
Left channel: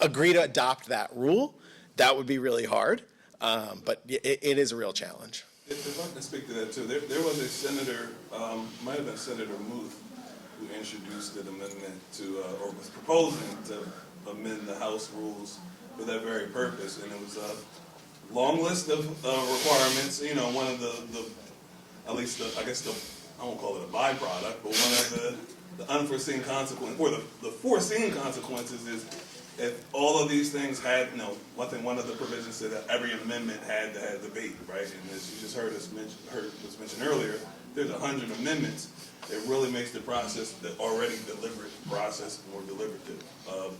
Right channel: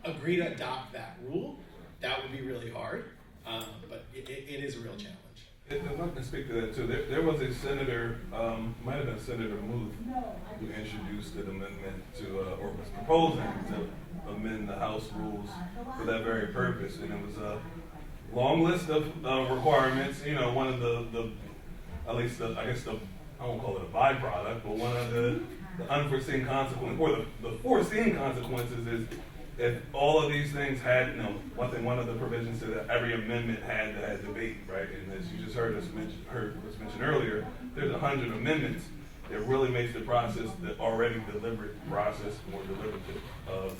agree to adopt that rule. That would be really hard, but it is a real challenge. If I can speak to that too, there was a senator, might have been Senator Muth, who introduced an amendment or was proposing to amend the House rules for that very purpose, and it was a long list of requirements. One of at least I won't call it a byproduct, but one of the unforeseen consequences, or the foreseen consequences is if all of these things had, one of the provisions said that every amendment had to have debate, right? And as you just heard was mentioned earlier, there's 100 amendments. It really makes the process, the already deliberate process, more deliberative of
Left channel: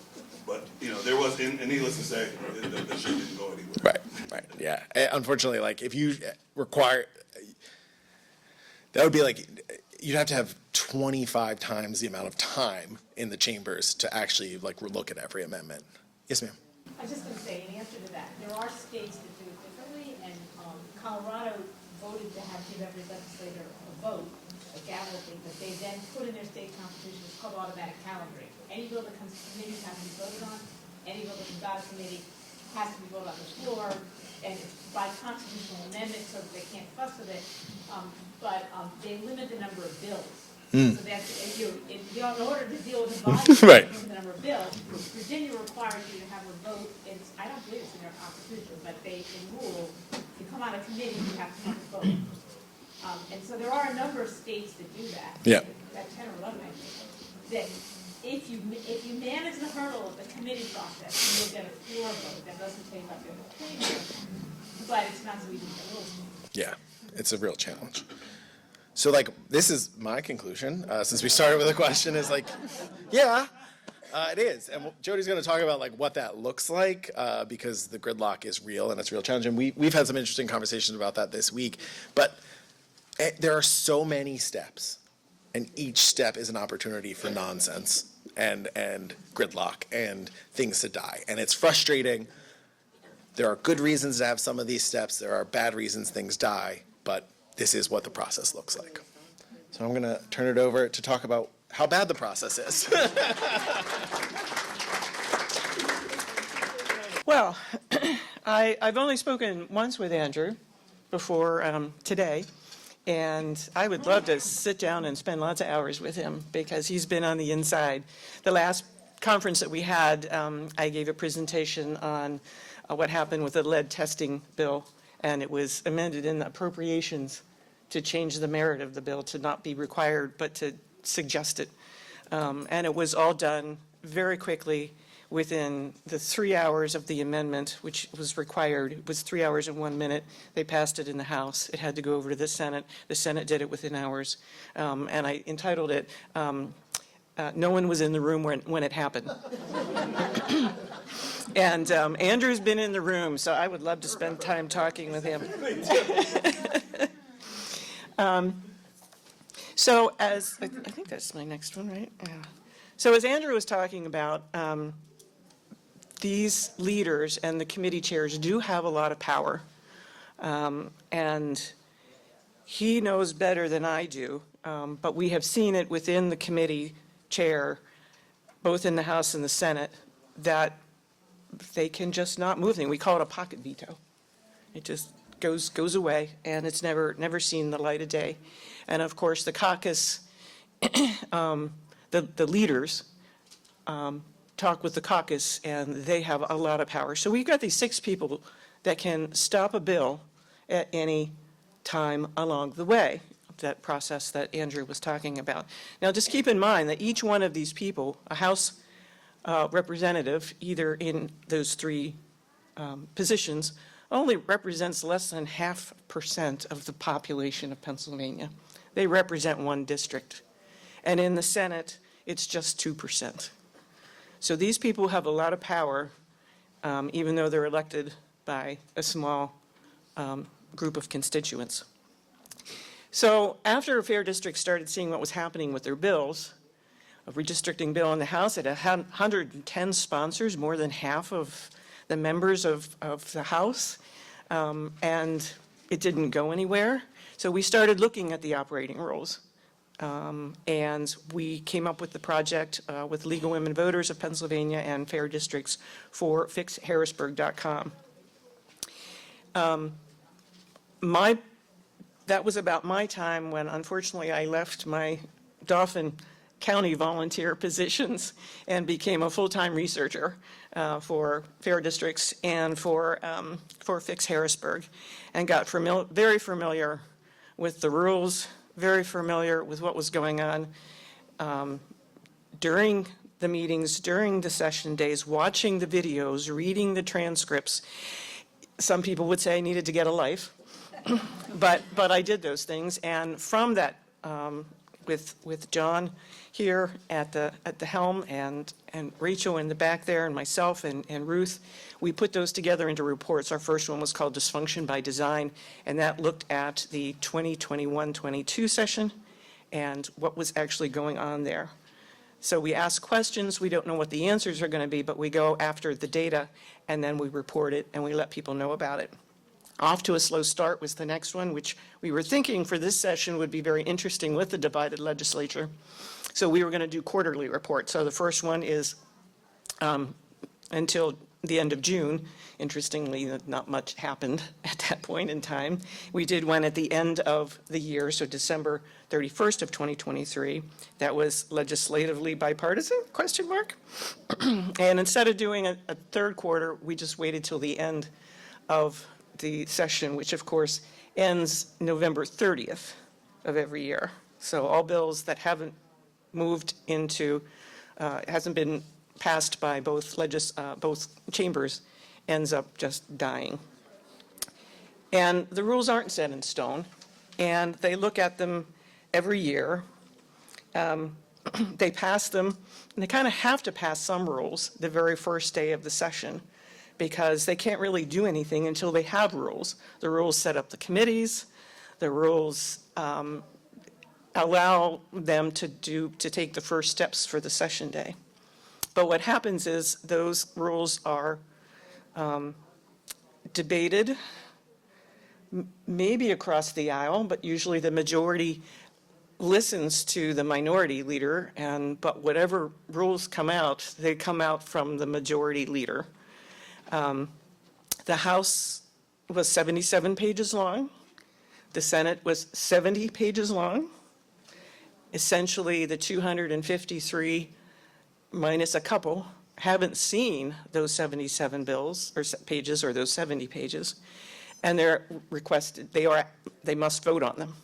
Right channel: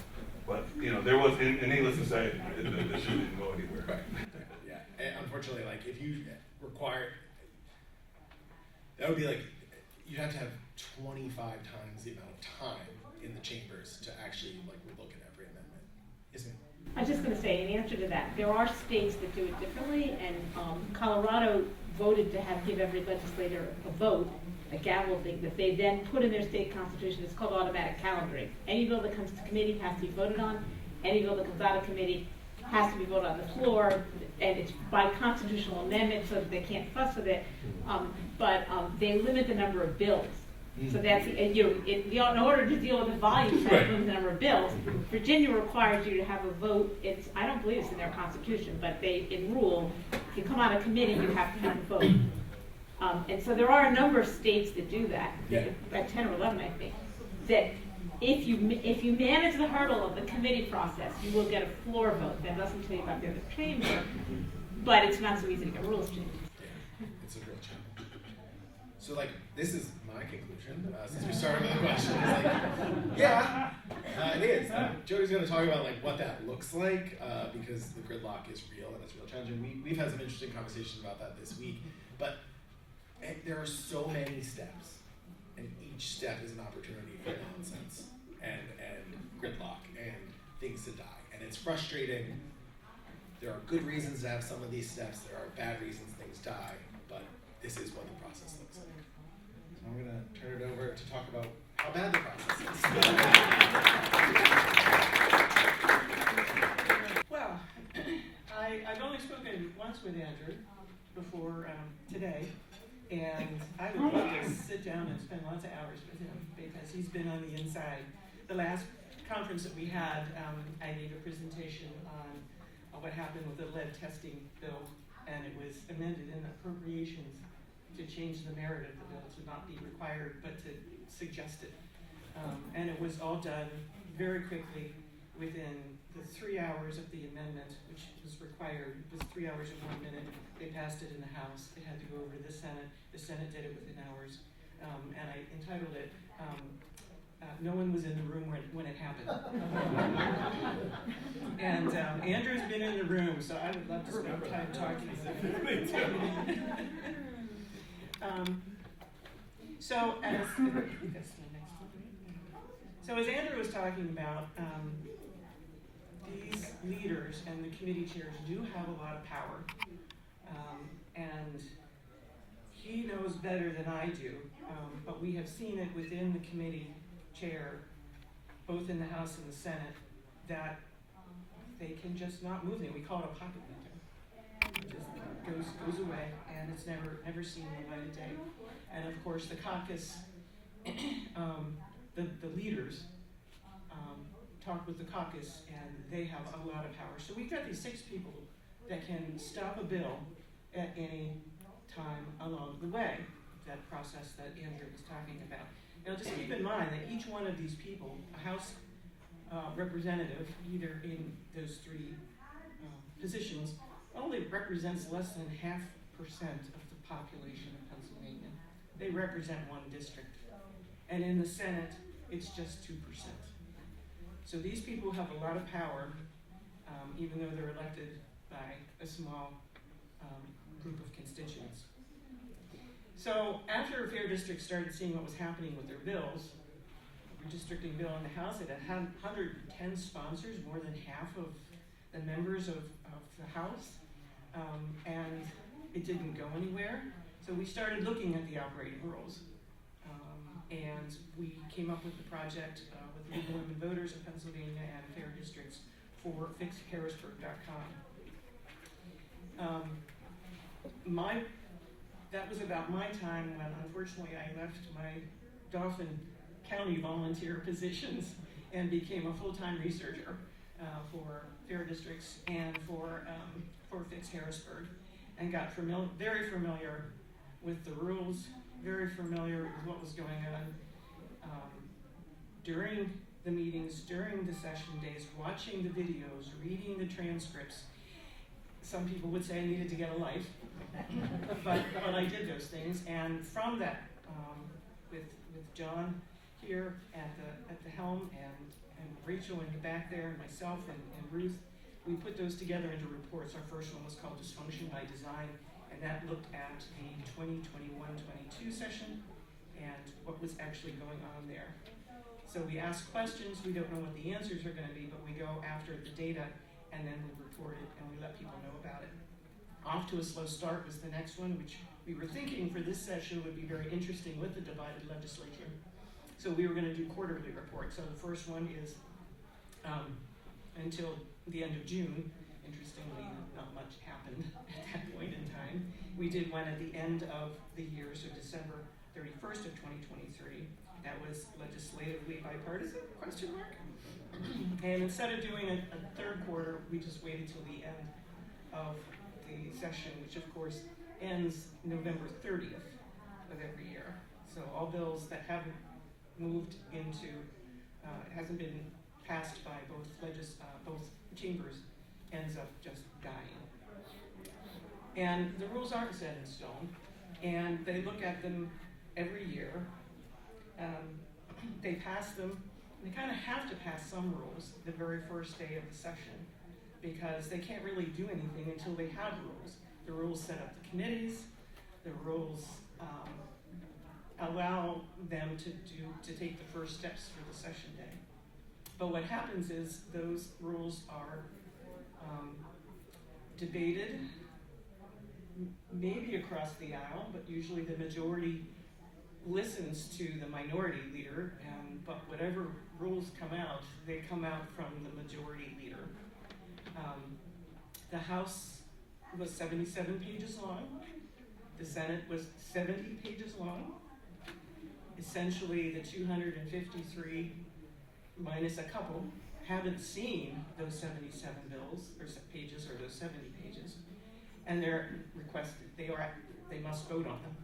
But, you know, there was, and needless to say, the shit didn't go anywhere. Right, right, yeah. Unfortunately, like, if you require, that would be like, you'd have to have 25 times the amount of time in the chambers to actually, like, look at every amendment. Yes, ma'am? I was just going to say, in answer to that, there are states that do it differently, and Colorado voted to give every legislator a vote, a gavel thing, that they then put in their state constitution. It's called automatic calendaring. Any bill that comes to committees has to be voted on. Any bill that comes out of committee has to be voted on the floor, and it's by constitutional amendment, so that they can't fuss with it. But they limit the number of bills. So that's, in order to deal with the volume Right. of the number of bills, Virginia requires you to have a vote. I don't believe it's in their constitution, but in rule, if you come out of committee, you have to have a vote. And so there are a number of states that do that. Yeah. About 10 or 11, I think. That if you manage the hurdle of the committee process, you will get a floor vote. That doesn't say about the other chamber, but it's not so easy to rules change. Yeah, it's a real challenge. So, like, this is my conclusion, since we started with a question, is like, yeah, it is. Jodi's going to talk about, like, what that looks like, because the gridlock is real and it's a real challenge. And we've had some interesting conversations about that this week. But there are so many steps, and each step is an opportunity for nonsense and gridlock and things to die. And it's frustrating. There are good reasons to have some of these steps. There are bad reasons things die. But this is what the process looks like. So I'm going to turn it over to talk about how bad the process is. Well, I've only spoken once with Andrew before today, and I would love to sit down and spend lots of hours with him because he's been on the inside. The last conference that we had, I gave a presentation on what happened with the lead testing bill, and it was amended in the Appropriations to change the merit of the bill to not be required, but to suggest it. And it was all done very quickly within the 3 hours of the amendment, which was required. It was 3 hours and 1 minute. They passed it in the House. It had to go over to the Senate. The Senate did it within hours. And I entitled it, No One Was in the Room When It Happened. And Andrew's been in the room, so I would love to spend time talking with him. So as, I think that's my next one, right? Yeah. So as Andrew was talking about, these leaders and the committee chairs do have a lot of power. And he knows better than I do, but we have seen it within the committee chair, both in the House and the Senate, that they can just not move things. We call it a pocket veto. It just goes away, and it's never seen the light of day. And of course, the caucus, the leaders talk with the caucus, and they have a lot of power. So we've got these 6 people that can stop a bill at any time along the way, that process that Andrew was talking about. Now, just keep in mind that each one of these people, a House representative, either in those 3 positions, only represents less than 0.5% of the population of Pennsylvania. They represent 1 district. And in the Senate, it's just 2%. So these people have a lot of power, even though they're elected by a small group of constituents. So after Fair District started seeing what was happening with their bills, a redistricting bill in the House, it had 110 sponsors, more than half of the members of the House, and it didn't go anywhere. So we started looking at the operating rules, and we came up with the project with Legal Women Voters of Pennsylvania and Fair Districts for FIxHarrisburg.com. That was about my time when, unfortunately, I left my Dauphin County volunteer positions and became a full-time researcher for Fair Districts and for FIx Harrisburg, and got very familiar with the rules, very familiar with what was going on during the meetings, during the session days, watching the videos, reading the transcripts. Some people would say I needed to get a life, but I did those things, and from that with John here at the helm, and Rachel in the back there, and myself and Ruth. We put those together into reports. Our first one was called Dysfunction by Design, and that looked at the 2021-22 session and what was actually going on there. So we ask questions. We don't know what the answers are going to be, but we go after the data, and then we report it, and we let people know about it. Off to a slow start was the next one, which we were thinking for this session would be very interesting with the divided legislature. So we were going to do quarterly reports. So the first one is until the end of June. Interestingly, not much happened at that point in time. We did one at the end of the year, so December 31st of 2023. That was legislatively bipartisan, question mark. And instead of doing a third quarter, we just waited till the end of the session, which of course ends November 30th of every year. So all bills that haven't moved into, hasn't been passed by both chambers ends up just dying. And the rules aren't set in stone, and they look at them every year. They pass them, and they kind of have to pass some rules the very first day of the session, because they can't really do anything until they have rules. The rules set up the committees. The rules allow them to take the first steps for the session day. But what happens is those rules are debated, maybe across the aisle, but usually the majority listens to the minority leader, but whatever rules come out, they come out from the majority leader. The House was 77 pages long. The Senate was 70 pages long. Essentially, the 253 minus a couple haven't seen those 77 bills or pages or those 70 pages, and they're requested, they must vote on them.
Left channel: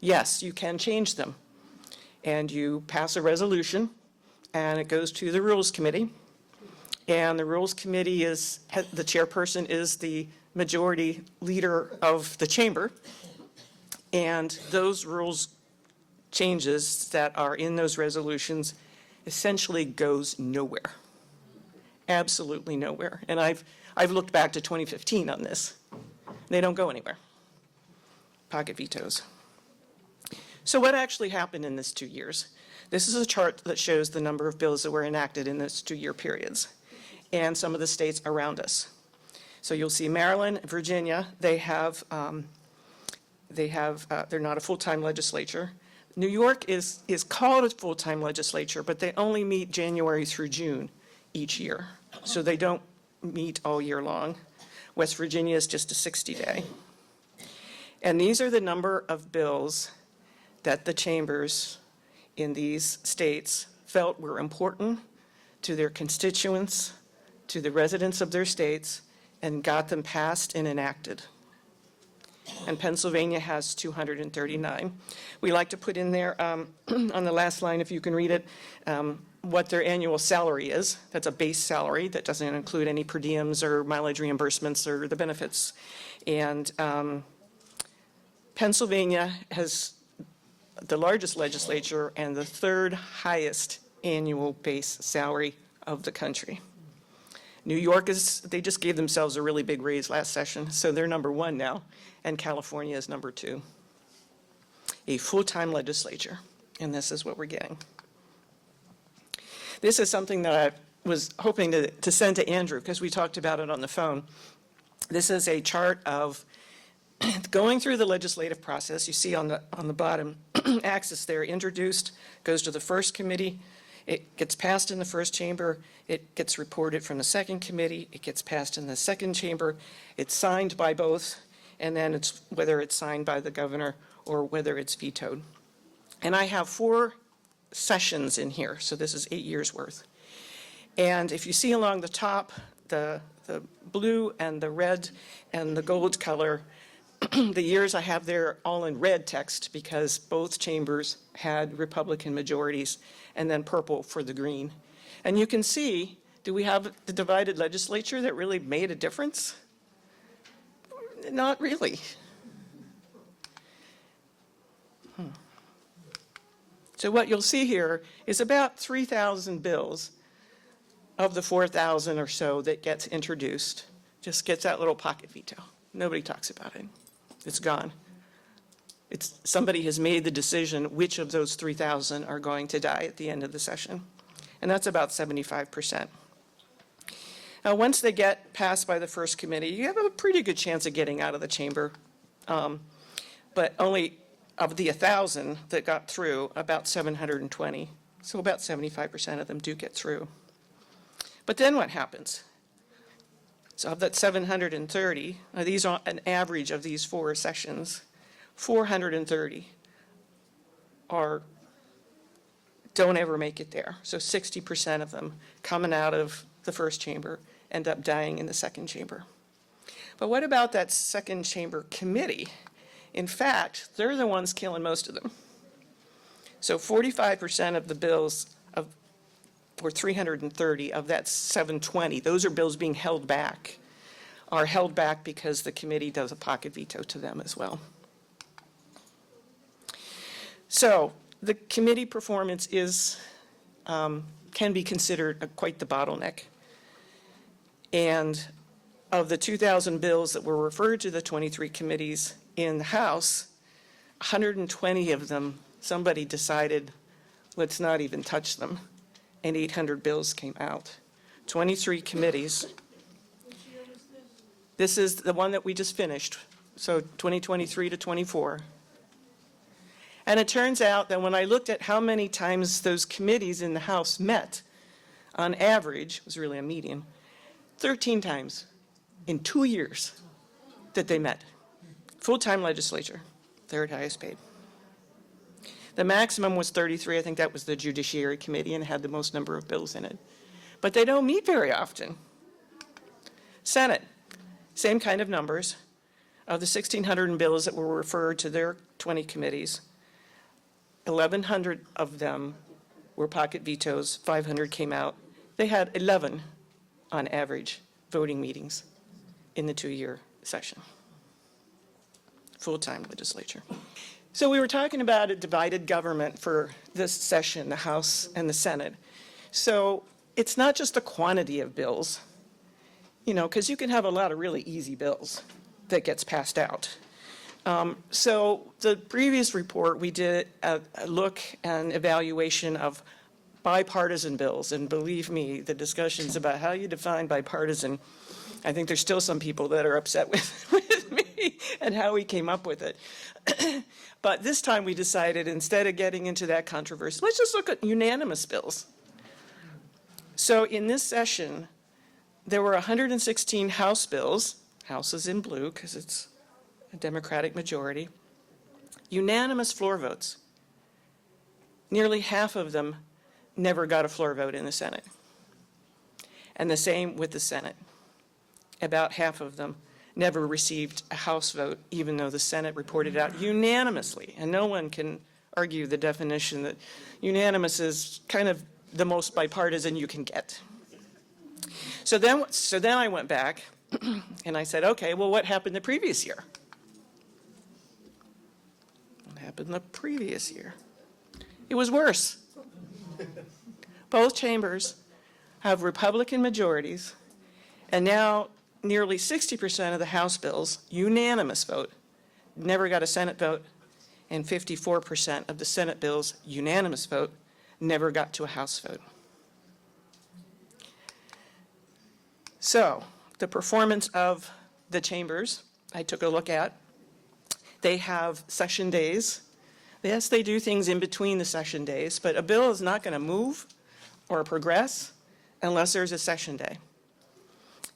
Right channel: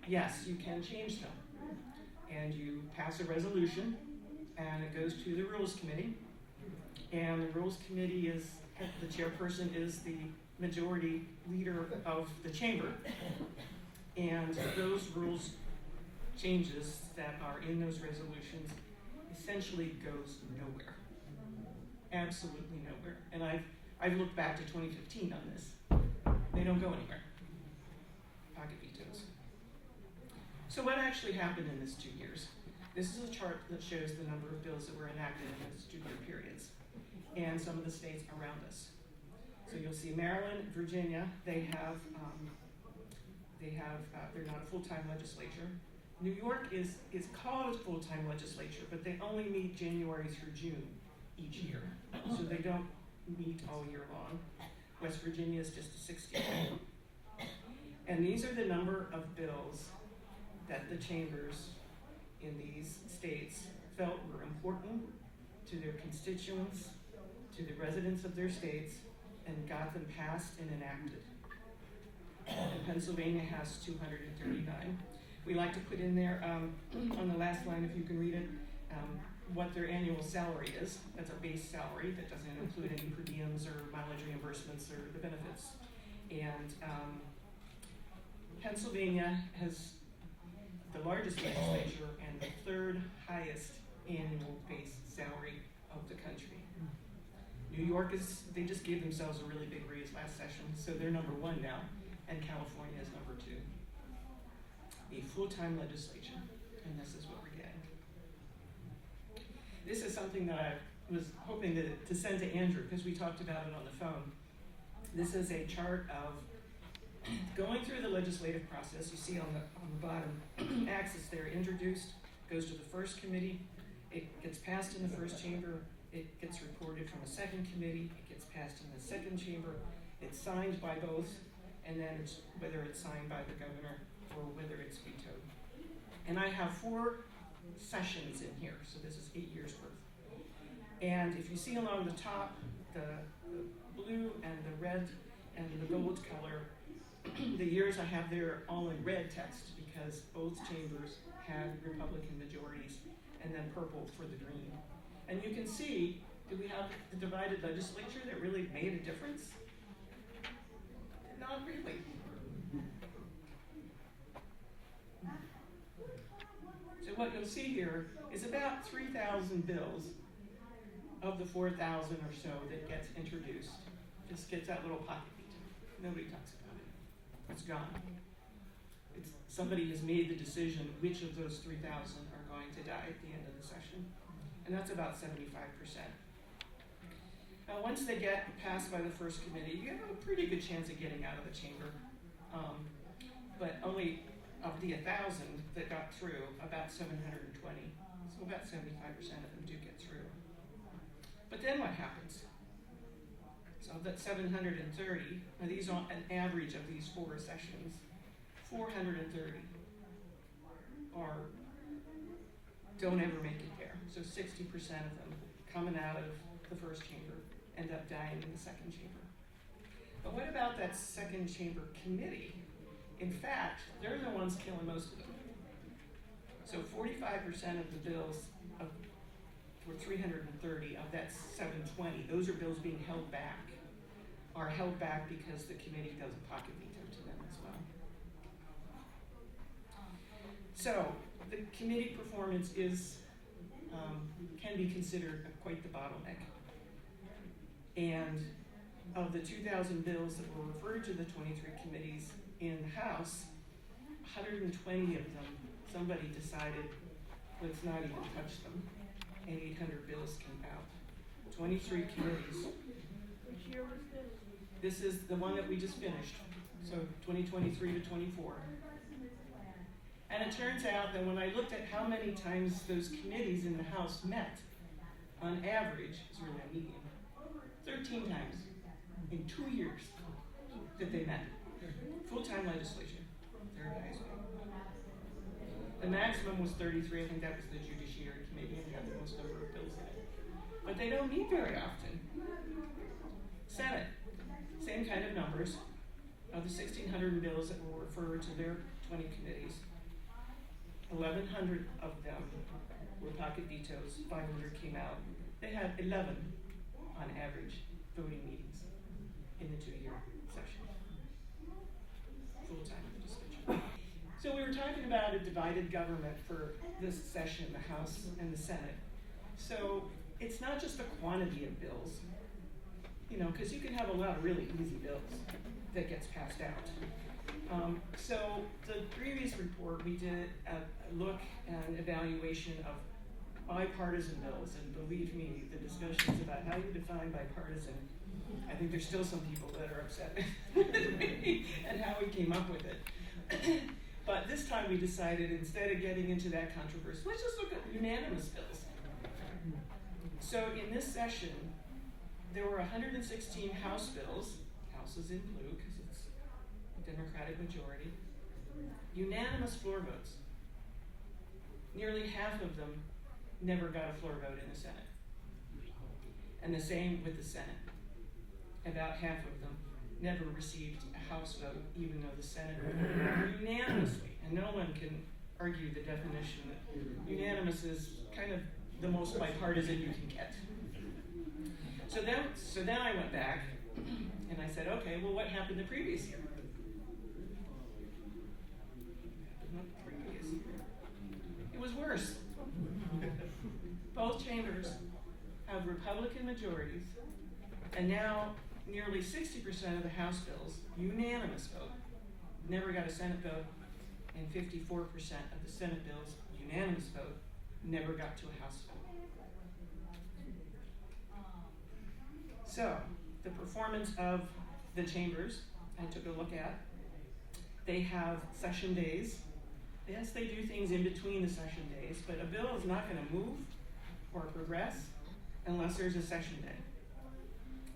Yes, you can change them, and you pass a resolution, and it goes to the Rules Committee, and the Rules Committee the chairperson is the majority leader of the chamber, and those rules changes that are in those resolutions essentially goes nowhere. Absolutely nowhere. And I've looked back to 2015 on this. They don't go anywhere. Pocket vetoes. So what actually happened in this 2 years? This is a chart that shows the number of bills that were enacted in those 2-year periods and some of the states around us. So you'll see Maryland, Virginia, they're not a full-time legislature. New York is called a full-time legislature, but they only meet January through June each year. So they don't meet all year long. West Virginia is just a 60-day. And these are the number of bills that the chambers in these states felt were important to their constituents, to the residents of their states, and got them passed and enacted. And Pennsylvania has 239. We like to put in there, on the last line, if you can read it, what their annual salary is. That's a base salary that doesn't include any per diems or mileage reimbursements or the benefits. And Pennsylvania has the largest legislature and the third highest annual base salary of the country. New York they just gave themselves a really big raise last session, so they're number 1 now, and California is number 2. A full-time legislature, and this is what we're getting. This is something that I was hoping to send to Andrew, because we talked about it on the phone. This is a chart of going through the legislative process. You see on the bottom axis there, introduced, goes to the first committee, it gets passed in the first chamber, it gets reported from the second committee, it gets passed in the second chamber, it's signed by both, and then it's whether it's signed by the governor or whether it's vetoed. And I have 4 sessions in here, so this is 8 years worth. And if you see along the top, the blue and the red and the gold color, the years I have there all in red text because both chambers had Republican majorities, and then purple for the green. And you can see, do we have the divided legislature that really made a difference? Not really. So what you'll see here is about 3,000 bills of the 4,000 or so that gets introduced, just gets that little pocket veto. Nobody talks about it. It's gone. Somebody has made the decision which of those 3,000 are going to die at the end of the session. And that's about 75%. Now, once they get passed by the first committee, you have a pretty good chance of getting out of the chamber. But only of the 1,000 that got through, about 720. So about 75% of them do get through. But then what happens? So of that 730, these are an average of these 4 sessions, 430 don't ever make it there. So 60% of them coming out of the first chamber end up dying in the second chamber. But what about that second chamber committee? In fact, they're the ones killing most of them. So 45% of the bills or 330 of that 720, those are bills being held back, are held back because the committee does a pocket veto to them as well. So the committee performance can be considered quite the bottleneck. And of the 2,000 bills that were referred to the 23 committees in the House, 120 of them, somebody decided, let's not even touch them, and 800 bills came out. 23 committees. This is the one that we just finished, so 2023 to 24. And it turns out that when I looked at how many times those committees in the House met, on average, it was really a median, 13 times in 2 years that they met. Full-time legislature, third highest paid. The maximum was 33. I think that was the Judiciary Committee and had the most number of bills in it. But they don't meet very often. Senate, same kind of numbers. Of the 1,600 bills that were referred to their 20 committees, 1,100 of them were pocket vetoes, 500 came out. They had 11, on average, voting meetings in the 2-year session. Full-time legislature. So we were talking about a divided government for this session, the House and the Senate. So it's not just the quantity of bills, because you can have a lot of really easy bills that gets passed out. So the previous report, we did a look and evaluation of bipartisan bills. And believe me, the discussions about how you define bipartisan, I think there's still some people that are upset with me and how we came up with it. But this time we decided, instead of getting into that controversy, let's just look at unanimous bills. So in this session, there were 116 House bills. House is in blue because it's a Democratic majority. Unanimous floor votes. Nearly half of them never got a floor vote in the Senate. And the same with the Senate. About half of them never received a House vote, even though the Senate reported out unanimously. And no one can argue the definition that unanimous is kind of the most bipartisan you can get. So then I went back and I said, okay, well, what happened the previous year? What happened the previous year? It was worse. Both chambers have Republican majorities, and now nearly 60% of the House bills, unanimous vote, never got a Senate vote, and 54% of the Senate bills, unanimous vote, never got to a House vote. So, the performance of the chambers, I took a look at. They have session days. Yes, they do things in between the session days, but a bill is not going to move or progress unless there's a session day.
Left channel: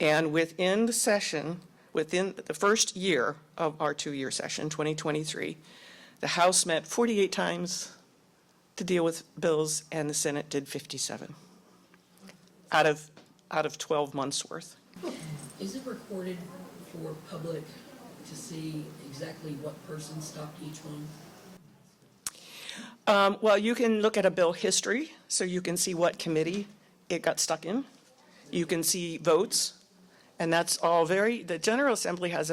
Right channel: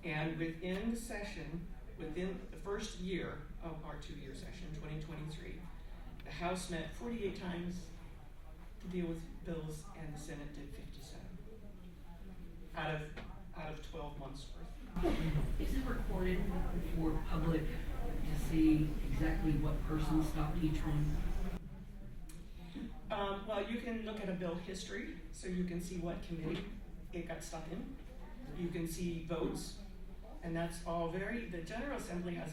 And within the session, within the first year of our 2-year session, 2023, the House met 48 times to deal with bills, and the Senate did 57 out of 12 months worth. Is it recorded for public to see exactly what person stopped each one? Well, you can look at a bill history, so you can see what committee it got stuck in. You can see votes, and that's all the General Assembly has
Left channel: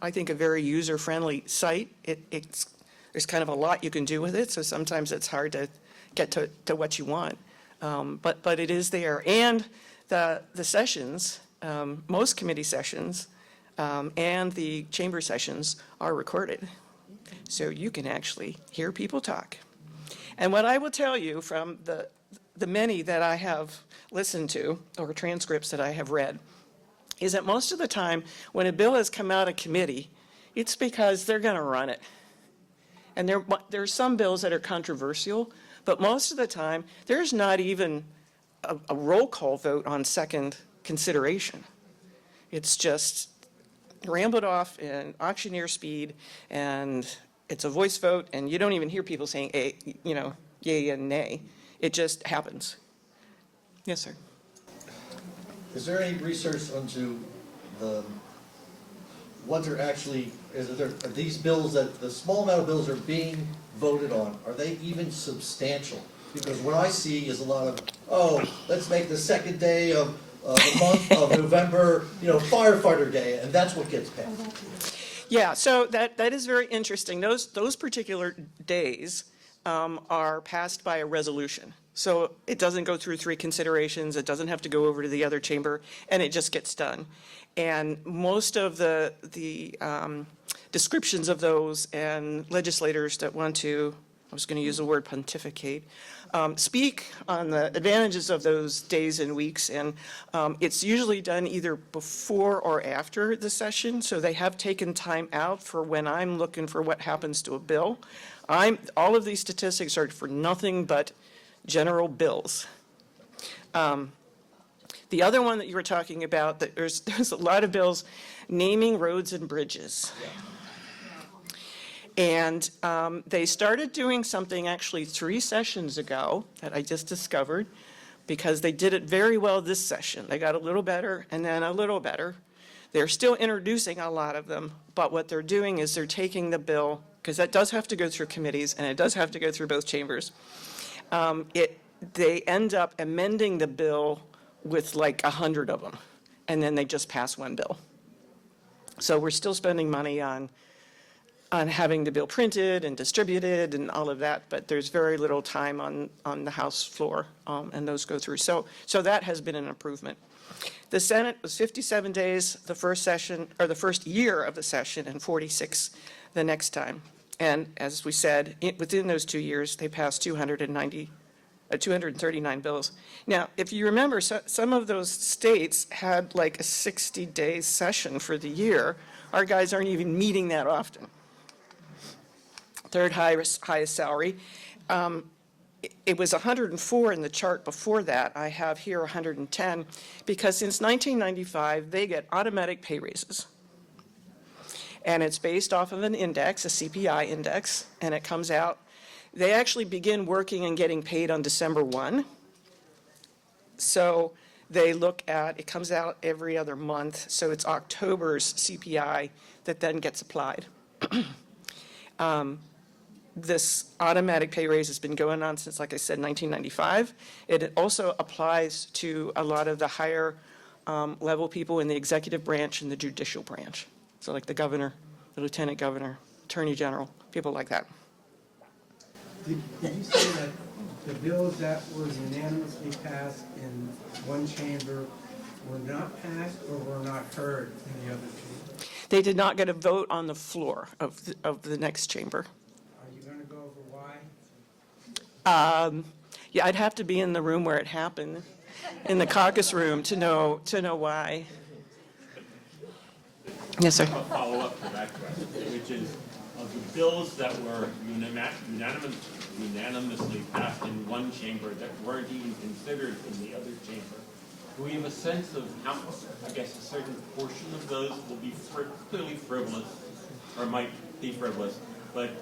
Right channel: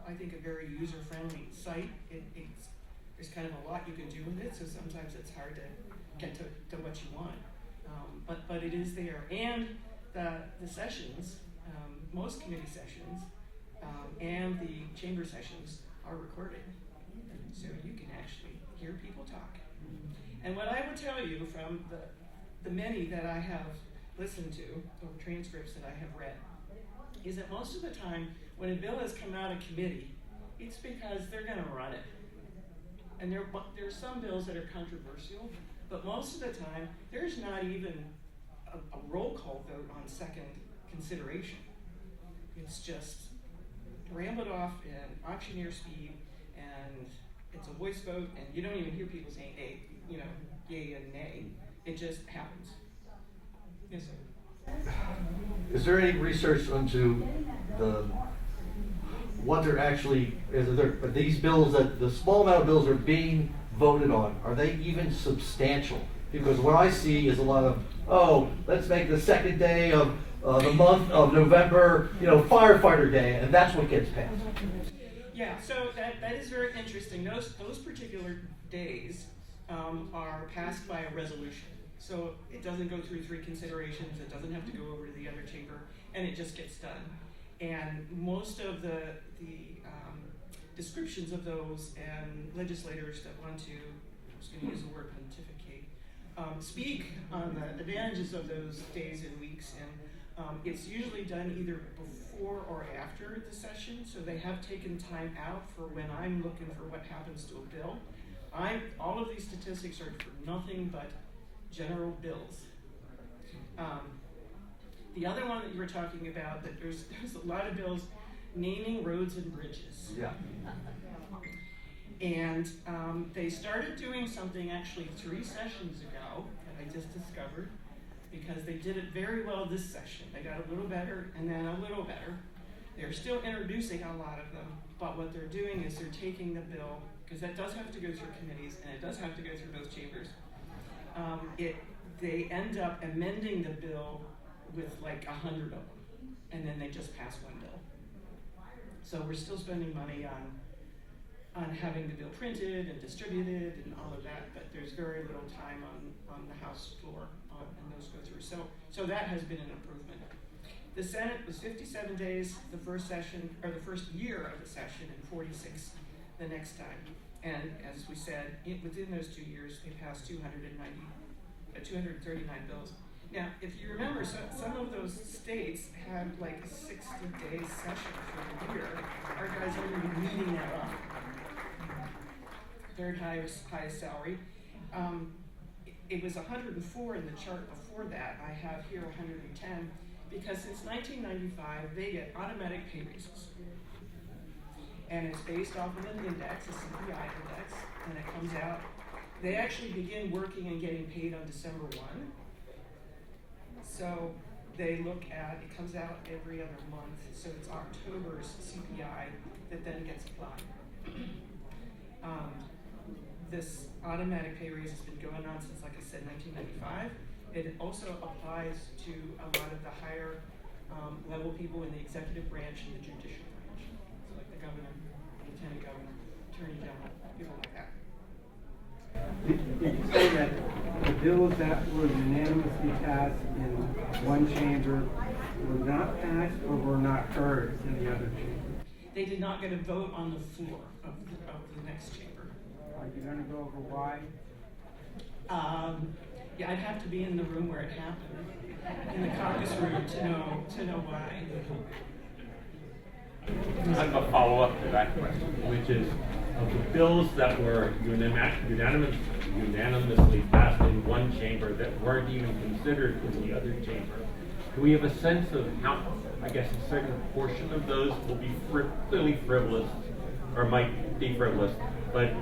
I think, a very user-friendly site. There's kind of a lot you can do with it, so sometimes it's hard to get to what you want. But it is there. And the sessions, most committee sessions, and the chamber sessions are recorded. So you can actually hear people talk. And what I will tell you from the many that I have listened to, or transcripts that I have read, is that most of the time when a bill has come out of committee, it's because they're going to run it. And there are some bills that are controversial, but most of the time there's not even a roll call vote on second consideration. It's just rambled off in auctioneer speed, and it's a voice vote, and you don't even hear people saying yay and nay. It just happens. Yes, sir. Is there any research onto what they're actually, these bills, that the small amount of bills are being voted on, are they even substantial? Because what I see is a lot of, let's make the second day of the month of November, firefighter day, and that's what gets passed. Yeah, so that is very interesting. Those particular days are passed by a resolution. So it doesn't go through 3 considerations, it doesn't have to go over to the other chamber, and it just gets done. And most of the descriptions of those and legislators that want to, I was going to use the word pontificate, speak on the advantages of those days and weeks, and it's usually done either before or after the session, so they have taken time out for when I'm looking for what happens to a bill. All of these statistics are for nothing but general bills. The other one that you were talking about, that there's a lot of bills naming roads and bridges. Yeah. And they started doing something actually 3 sessions ago that I just discovered, because they did it very well this session. They got a little better and then a little better. They're still introducing a lot of them, but what they're doing is they're taking the bill, because that does have to go through committees and it does have to go through both chambers. They end up amending the bill with like 100 of them, and then they just pass one bill. So we're still spending money on having the bill printed and distributed and all of that, but there's very little time on the House floor, and those go through. So that has been an improvement. The Senate was 57 days the first session, or the first year of the session, and 46 the next time. And as we said, within those 2 years, they passed 239 bills. Now, if you remember, some of those states had like a 60-day session for the year. Our guys aren't even meeting that often. Third highest salary. It was 104 in the chart before that. I have here 110, because since 1995, they get automatic pay raises. And it's based off of an index, a CPI index, and it comes out. They actually begin working and getting paid on December 1. So they look at, it comes out every other month, so it's October's CPI that then gets applied. This automatic pay raise has been going on since, like I said, 1995. It also applies to a lot of the higher level people in the executive branch and the judicial branch. So like the governor, the lieutenant governor, attorney general, people like that. Did you say that the bills that were unanimously passed in one chamber were not passed or were not heard in the other chamber? They did not get a vote on the floor of the next chamber. Are you going to go over why? Yeah, I'd have to be in the room where it happened, in the caucus room, to know why. Yes, sir. A follow-up to that question, which is, of the bills that were unanimously passed in one chamber that weren't even considered in the other chamber, do we have a sense of how, I guess, a certain portion of those will be clearly frivolous, or might be frivolous, but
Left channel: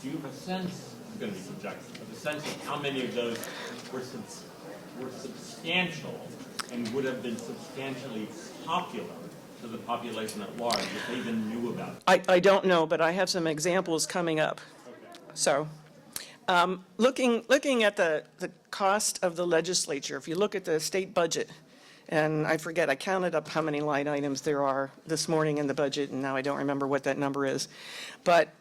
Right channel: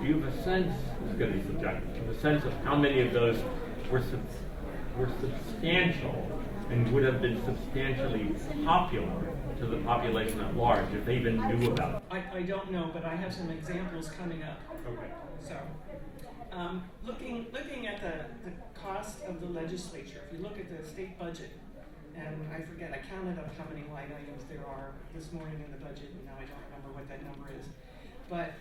do you have a sense, it's going to be subjective, a sense of how many of those were substantial and would have been substantially popular to the population at large if they didn't knew about it? I don't know, but I have some examples coming up. Okay. So, looking at the cost of the legislature, if you look at the state budget, and I forget, I counted up how many line items there are this morning in the budget, and now I don't remember what that number is. But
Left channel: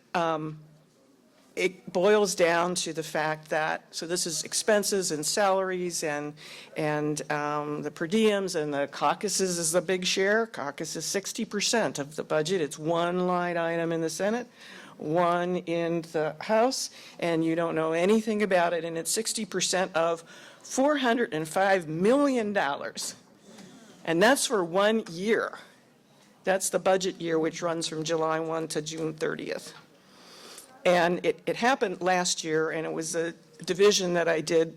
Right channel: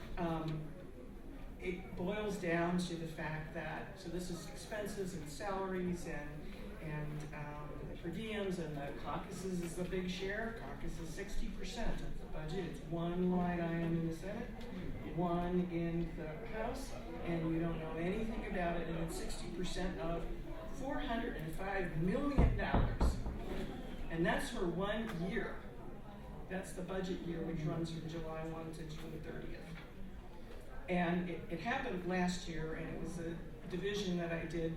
it boils down to the fact that, so this is expenses and salaries and the per diems, and the caucuses is the big share. Caucus is 60% of the budget. It's one line item in the Senate, one in the House, and you don't know anything about it, and it's 60% of $405 million. And that's for 1 year. That's the budget year, which runs from July 1 to June 30th. And it happened last year, and it was a division that I did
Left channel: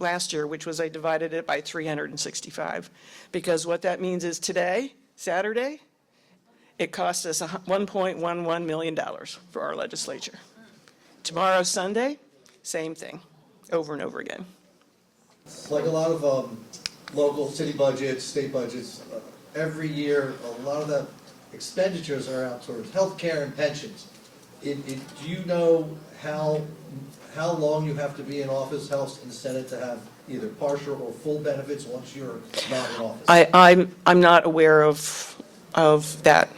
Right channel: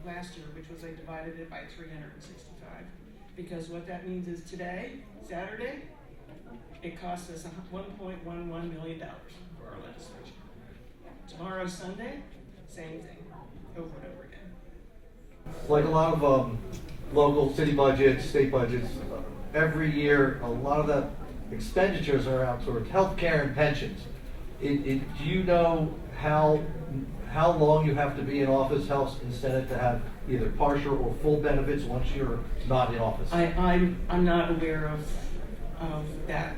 last year, which was I divided it by 365. Because what that means is today, Saturday, it cost us $1.11 million for our legislature. Tomorrow, Sunday, same thing, over and over again. Like a lot of local city budgets, state budgets, every year, a lot of the expenditures are out towards healthcare and pensions. Do you know how long you have to be in office, House and Senate, to have either partial or full benefits once you're not in office? I'm not aware of that.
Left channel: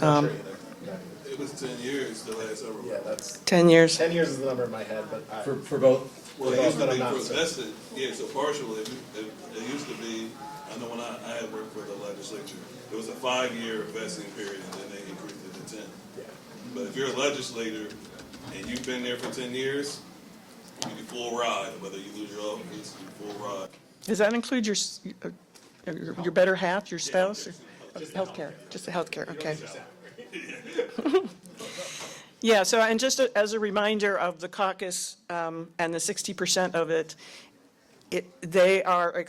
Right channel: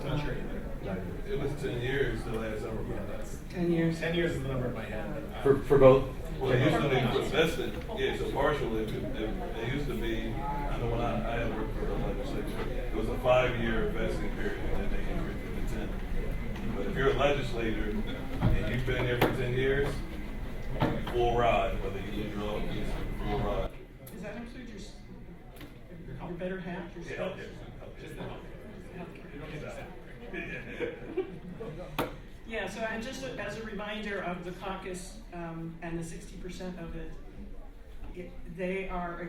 It was 10 years the last ever. Yeah, that's 10 years. 10 years is the number in my head, but For both? Well, it used to be for vested, yeah, so partial, it used to be, I know when I had worked for the legislature, it was a 5-year vesting period, and then they increased it to 10. But if you're a legislator and you've been there for 10 years, you get full ride, whether you lose your office, full ride. Does that include your better half, your spouse? Healthcare, just the healthcare, okay. Yeah, so, and just as a reminder of the caucus and the 60% of it, they are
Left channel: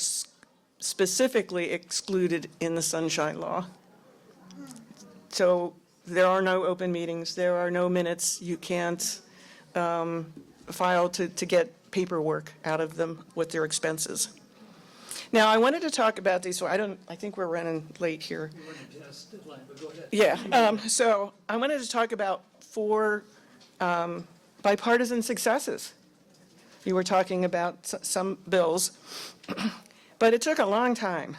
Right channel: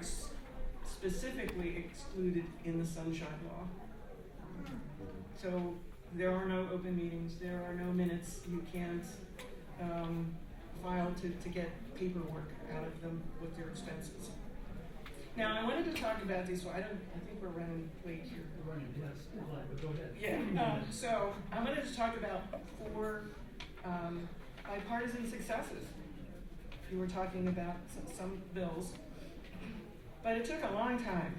specifically excluded in the Sunshine Law. So there are no open meetings, there are no minutes, you can't file to get paperwork out of them with their expenses. Now, I wanted to talk about these, so I think we're running late here. You're running past the line, but go ahead. Yeah, so I wanted to talk about 4 bipartisan successes. You were talking about some bills, but it took a long time.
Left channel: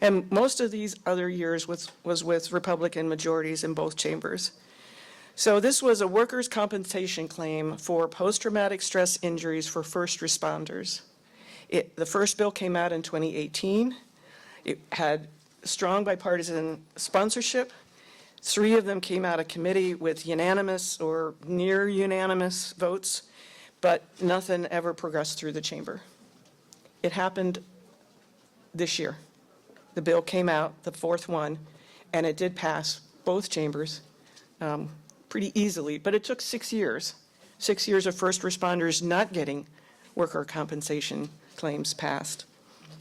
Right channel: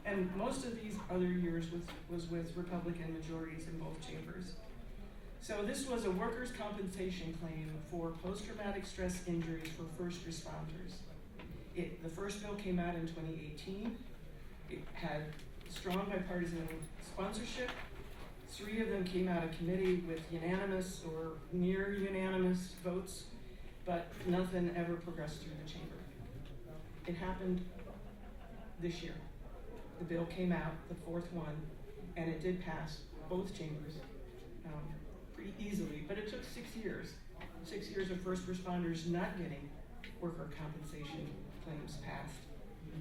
And most of these other years was with Republican majorities in both chambers. So this was a workers' compensation claim for post-traumatic stress injuries for first responders. The first bill came out in 2018. It had strong bipartisan sponsorship. 3 of them came out of committee with unanimous or near unanimous votes, but nothing ever progressed through the chamber. It happened this year. The bill came out, the 4th one, and it did pass both chambers pretty easily, but it took 6 years. 6 years of first responders not getting worker compensation claims passed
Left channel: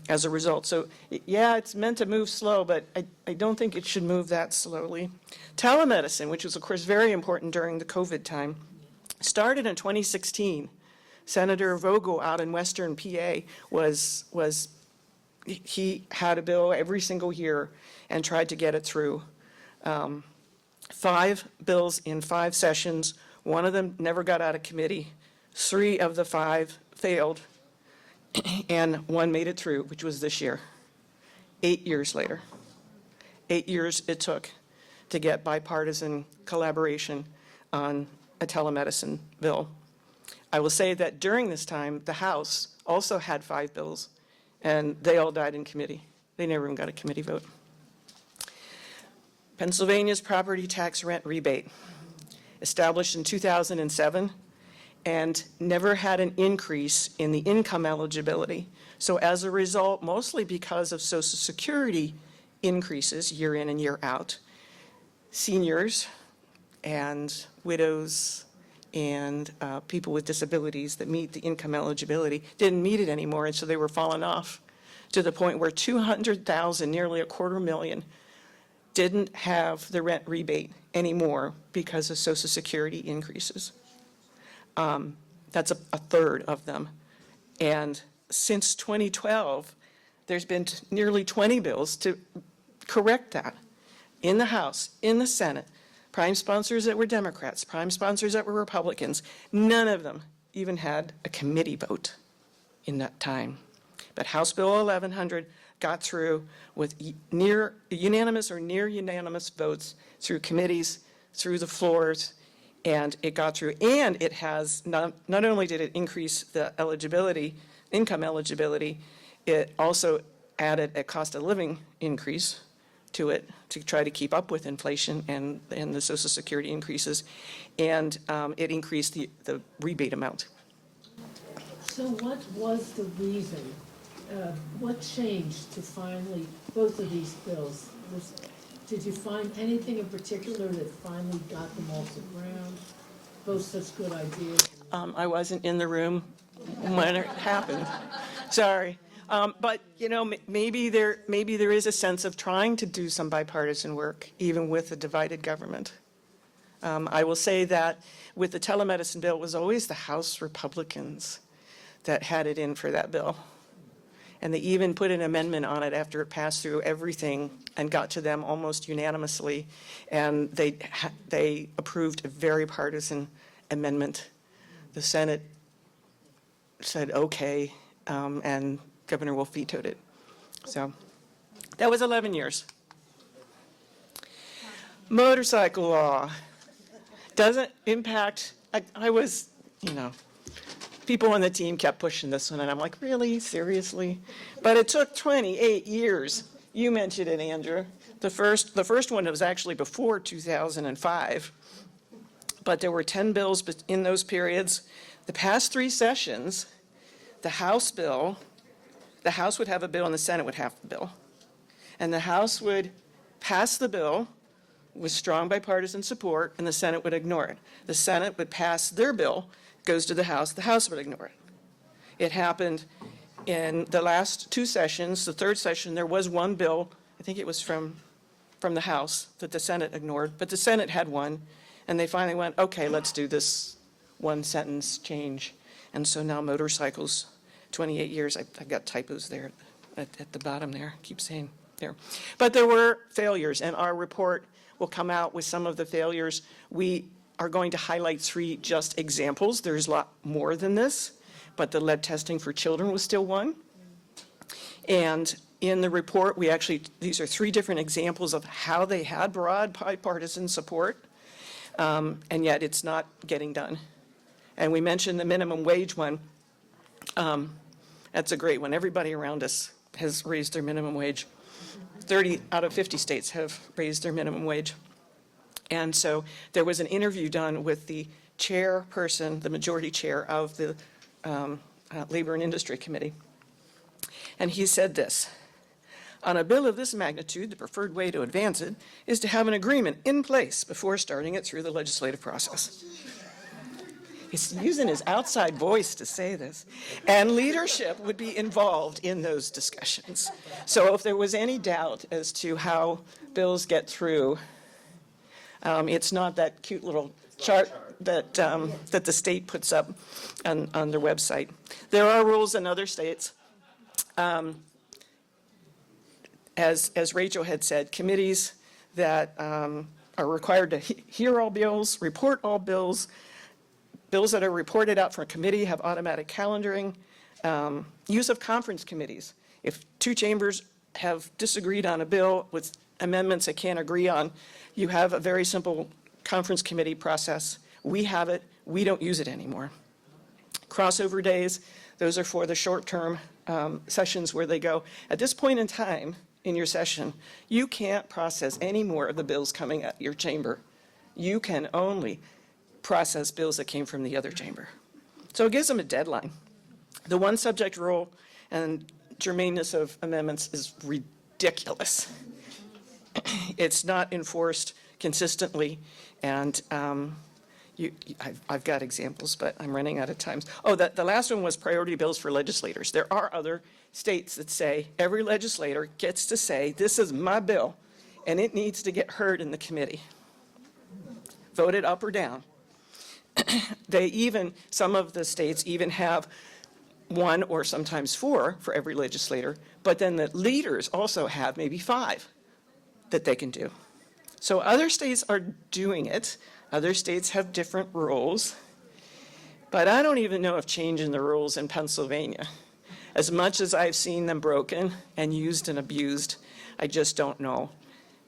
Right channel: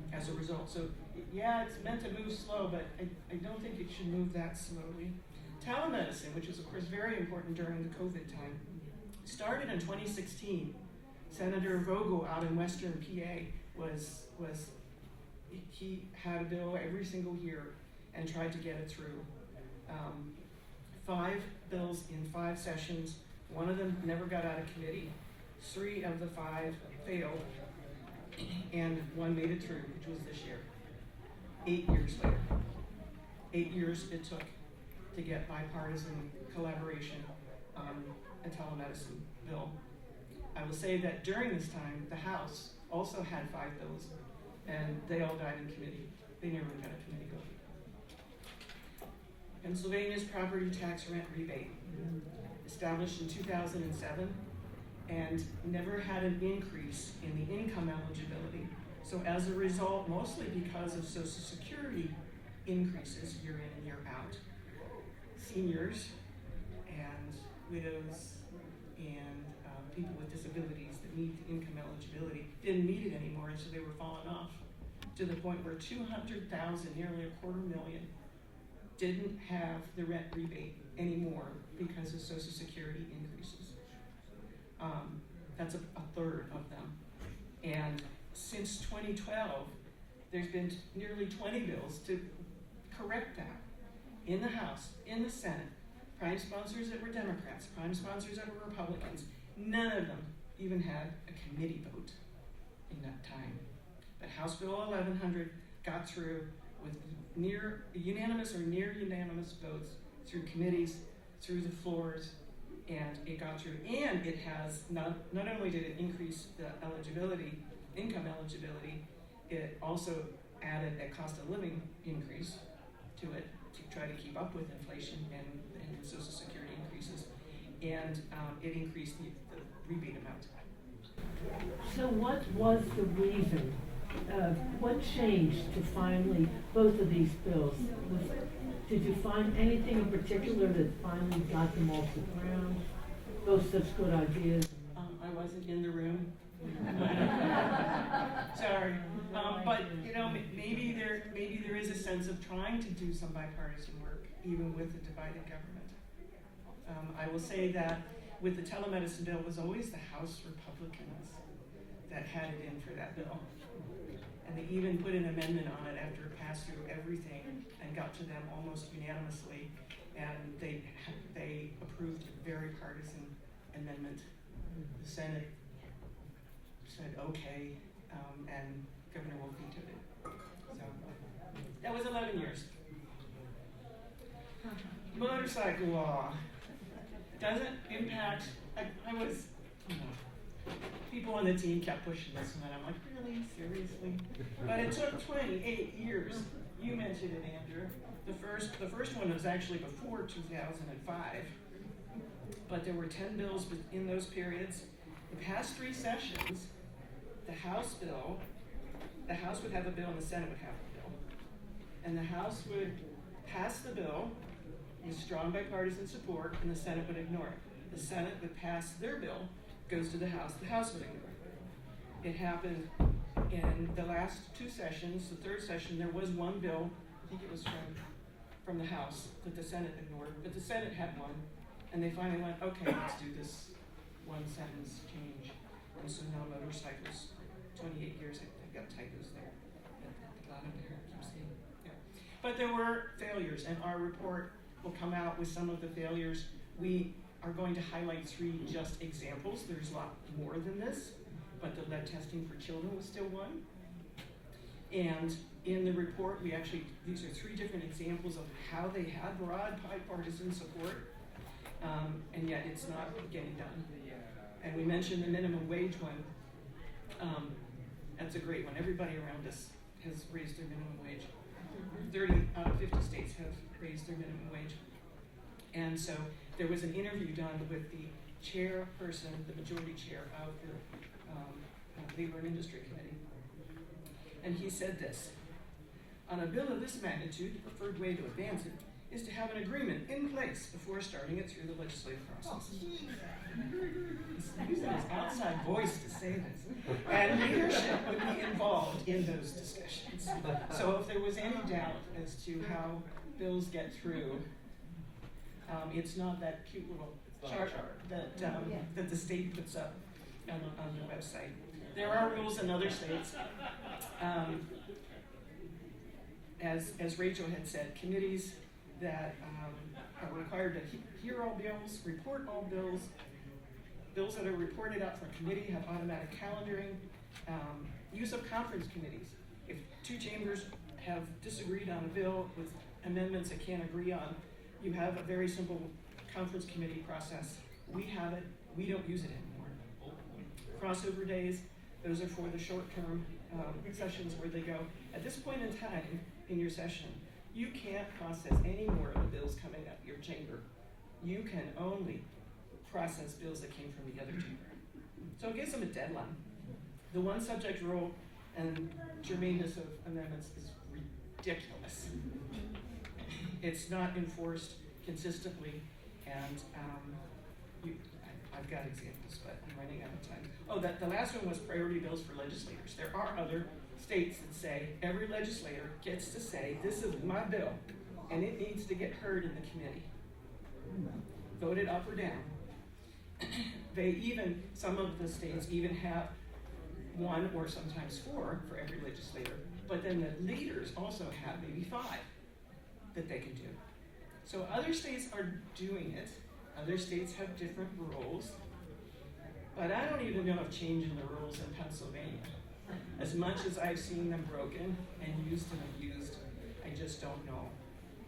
as a result. So yeah, it's meant to move slow, but I don't think it should move that slowly. Telemedicine, which was of course very important during the COVID time, started in 2016. Senator Vogel out in Western PA he had a bill every single year and tried to get it through. 5 bills in 5 sessions. 1 of them never got out of committee. 3 of the 5 failed, and 1 made it through, which was this year. 8 years later. 8 years it took to get bipartisan collaboration on a telemedicine bill. I will say that during this time, the House also had 5 bills, and they all died in committee. They never even got a committee vote. Pennsylvania's property tax rent rebate, established in 2007, and never had an increase in the income eligibility. So as a result, mostly because of Social Security increases year in and year out, seniors and widows and people with disabilities that meet the income eligibility didn't meet it anymore, and so they were falling off to the point where 200,000, nearly 250,000, didn't have the rent rebate anymore because of Social Security increases. That's a third of them. And since 2012, there's been nearly 20 bills to correct that in the House, in the Senate. Prime sponsors that were Democrats, prime sponsors that were Republicans. None of them even had a committee vote in that time. But House Bill 1100 got through with near unanimous or near unanimous votes through committees, through the floors, And it got through, and it has, not only did it increase the eligibility, income eligibility, it also added a cost of living increase to it to try to keep up with inflation and the Social Security increases, and it increased the rebate amount. So what was the reason, what changed to finally, both of these bills? Did you find anything in particular that finally got them off the ground? Both such good ideas? I wasn't in the room when it happened. Sorry. But, you know, maybe there is a sense of trying to do some bipartisan work, even with a divided government. I will say that with the telemedicine bill, it was always the House Republicans that had it in for that bill. And they even put an amendment on it after it passed through everything and got to them almost unanimously. And they approved a very partisan amendment. The Senate said, okay, and Governor Wolf vetoed it. So that was 11 years. Motorcycle law doesn't impact, I was, you know, people on the team kept pushing this one, and I'm like, really, seriously? But it took 28 years. You mentioned it, Andrew. The first one was actually before 2005, but there were 10 bills in those periods. The past 3 sessions, the House would have a bill and the Senate would have a bill. And the House would pass the bill with strong bipartisan support, and the Senate would ignore it. The Senate would pass their bill, goes to the House would ignore it. It happened in the last 2 sessions. The third session, there was one bill, I think it was from the House, that the Senate ignored, but the Senate had one, and they finally went, okay, let's do this one sentence change. And so now motorcycles, 28 years, I've got typos there at the bottom there, keep saying there. But there were failures, and our report will come out with some of the failures. We are going to highlight 3 just examples. There's a lot more than this, but the lead testing for children was still one. And in the report, these are 3 different examples of how they had broad bipartisan support, and yet it's not getting done. And we mentioned the minimum wage one. That's a great one. Everybody around us has raised their minimum wage. 30 out of 50 states have raised their minimum wage. And so there was an interview done with the chairperson, the majority chair of the Labor and Industry Committee. And he said this: on a bill of this magnitude, the preferred way to advance it is to have an agreement in place before starting it through the legislative process. He's using his outside voice to say this. And leadership would be involved in those discussions. So if there was any doubt as to how bills get through, it's not that cute little chart that the state puts up on their website. There are rules in other states. As Rachel had said, committees that are required to hear all bills, report all bills. Bills that are reported out from a committee have automatic calendaring. Use of conference committees. If 2 chambers have disagreed on a bill with amendments they can't agree on, you have a very simple conference committee process. We have it. We don't use it anymore. Crossover days, those are for the short-term sessions where they go, at this point in time in your session, you can't process any more of the bills coming out of your chamber. You can only process bills that came from the other chamber. So it gives them a deadline. The one subject rule and germaneness of amendments is ridiculous. It's not enforced consistently, and I've got examples, but I'm running out of time. Oh, the last one was priority bills for legislators. There are other states that say every legislator gets to say, this is my bill, and it needs to get heard in the committee. Voted up or down. Some of the states even have 1 or sometimes 4 for every legislator, but then the leaders also have maybe 5 that they can do. So other states are doing it. Other states have different rules, but I don't even know if changing the rules in Pennsylvania, as much as I've seen them broken and used and abused, I just don't know.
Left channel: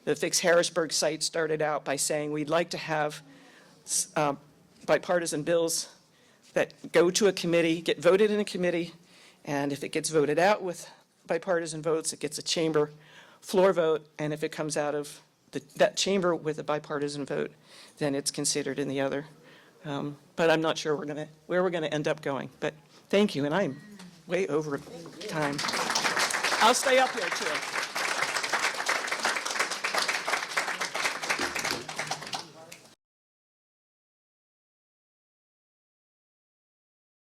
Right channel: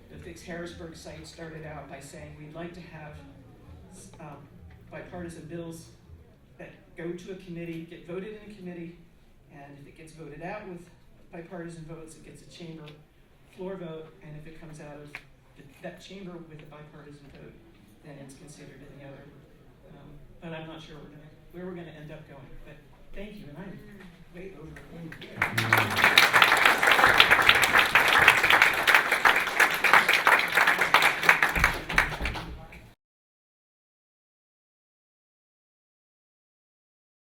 The FIx Harrisburg site started out by saying we'd like to have bipartisan bills that go to a committee, get voted in a committee, and if it gets voted out with bipartisan votes, it gets a chamber floor vote, and if it comes out of that chamber with a bipartisan vote, then it's considered in the other. But I'm not sure where we're gonna end up going. But thank you, and I'm way over time. I'll stay up there.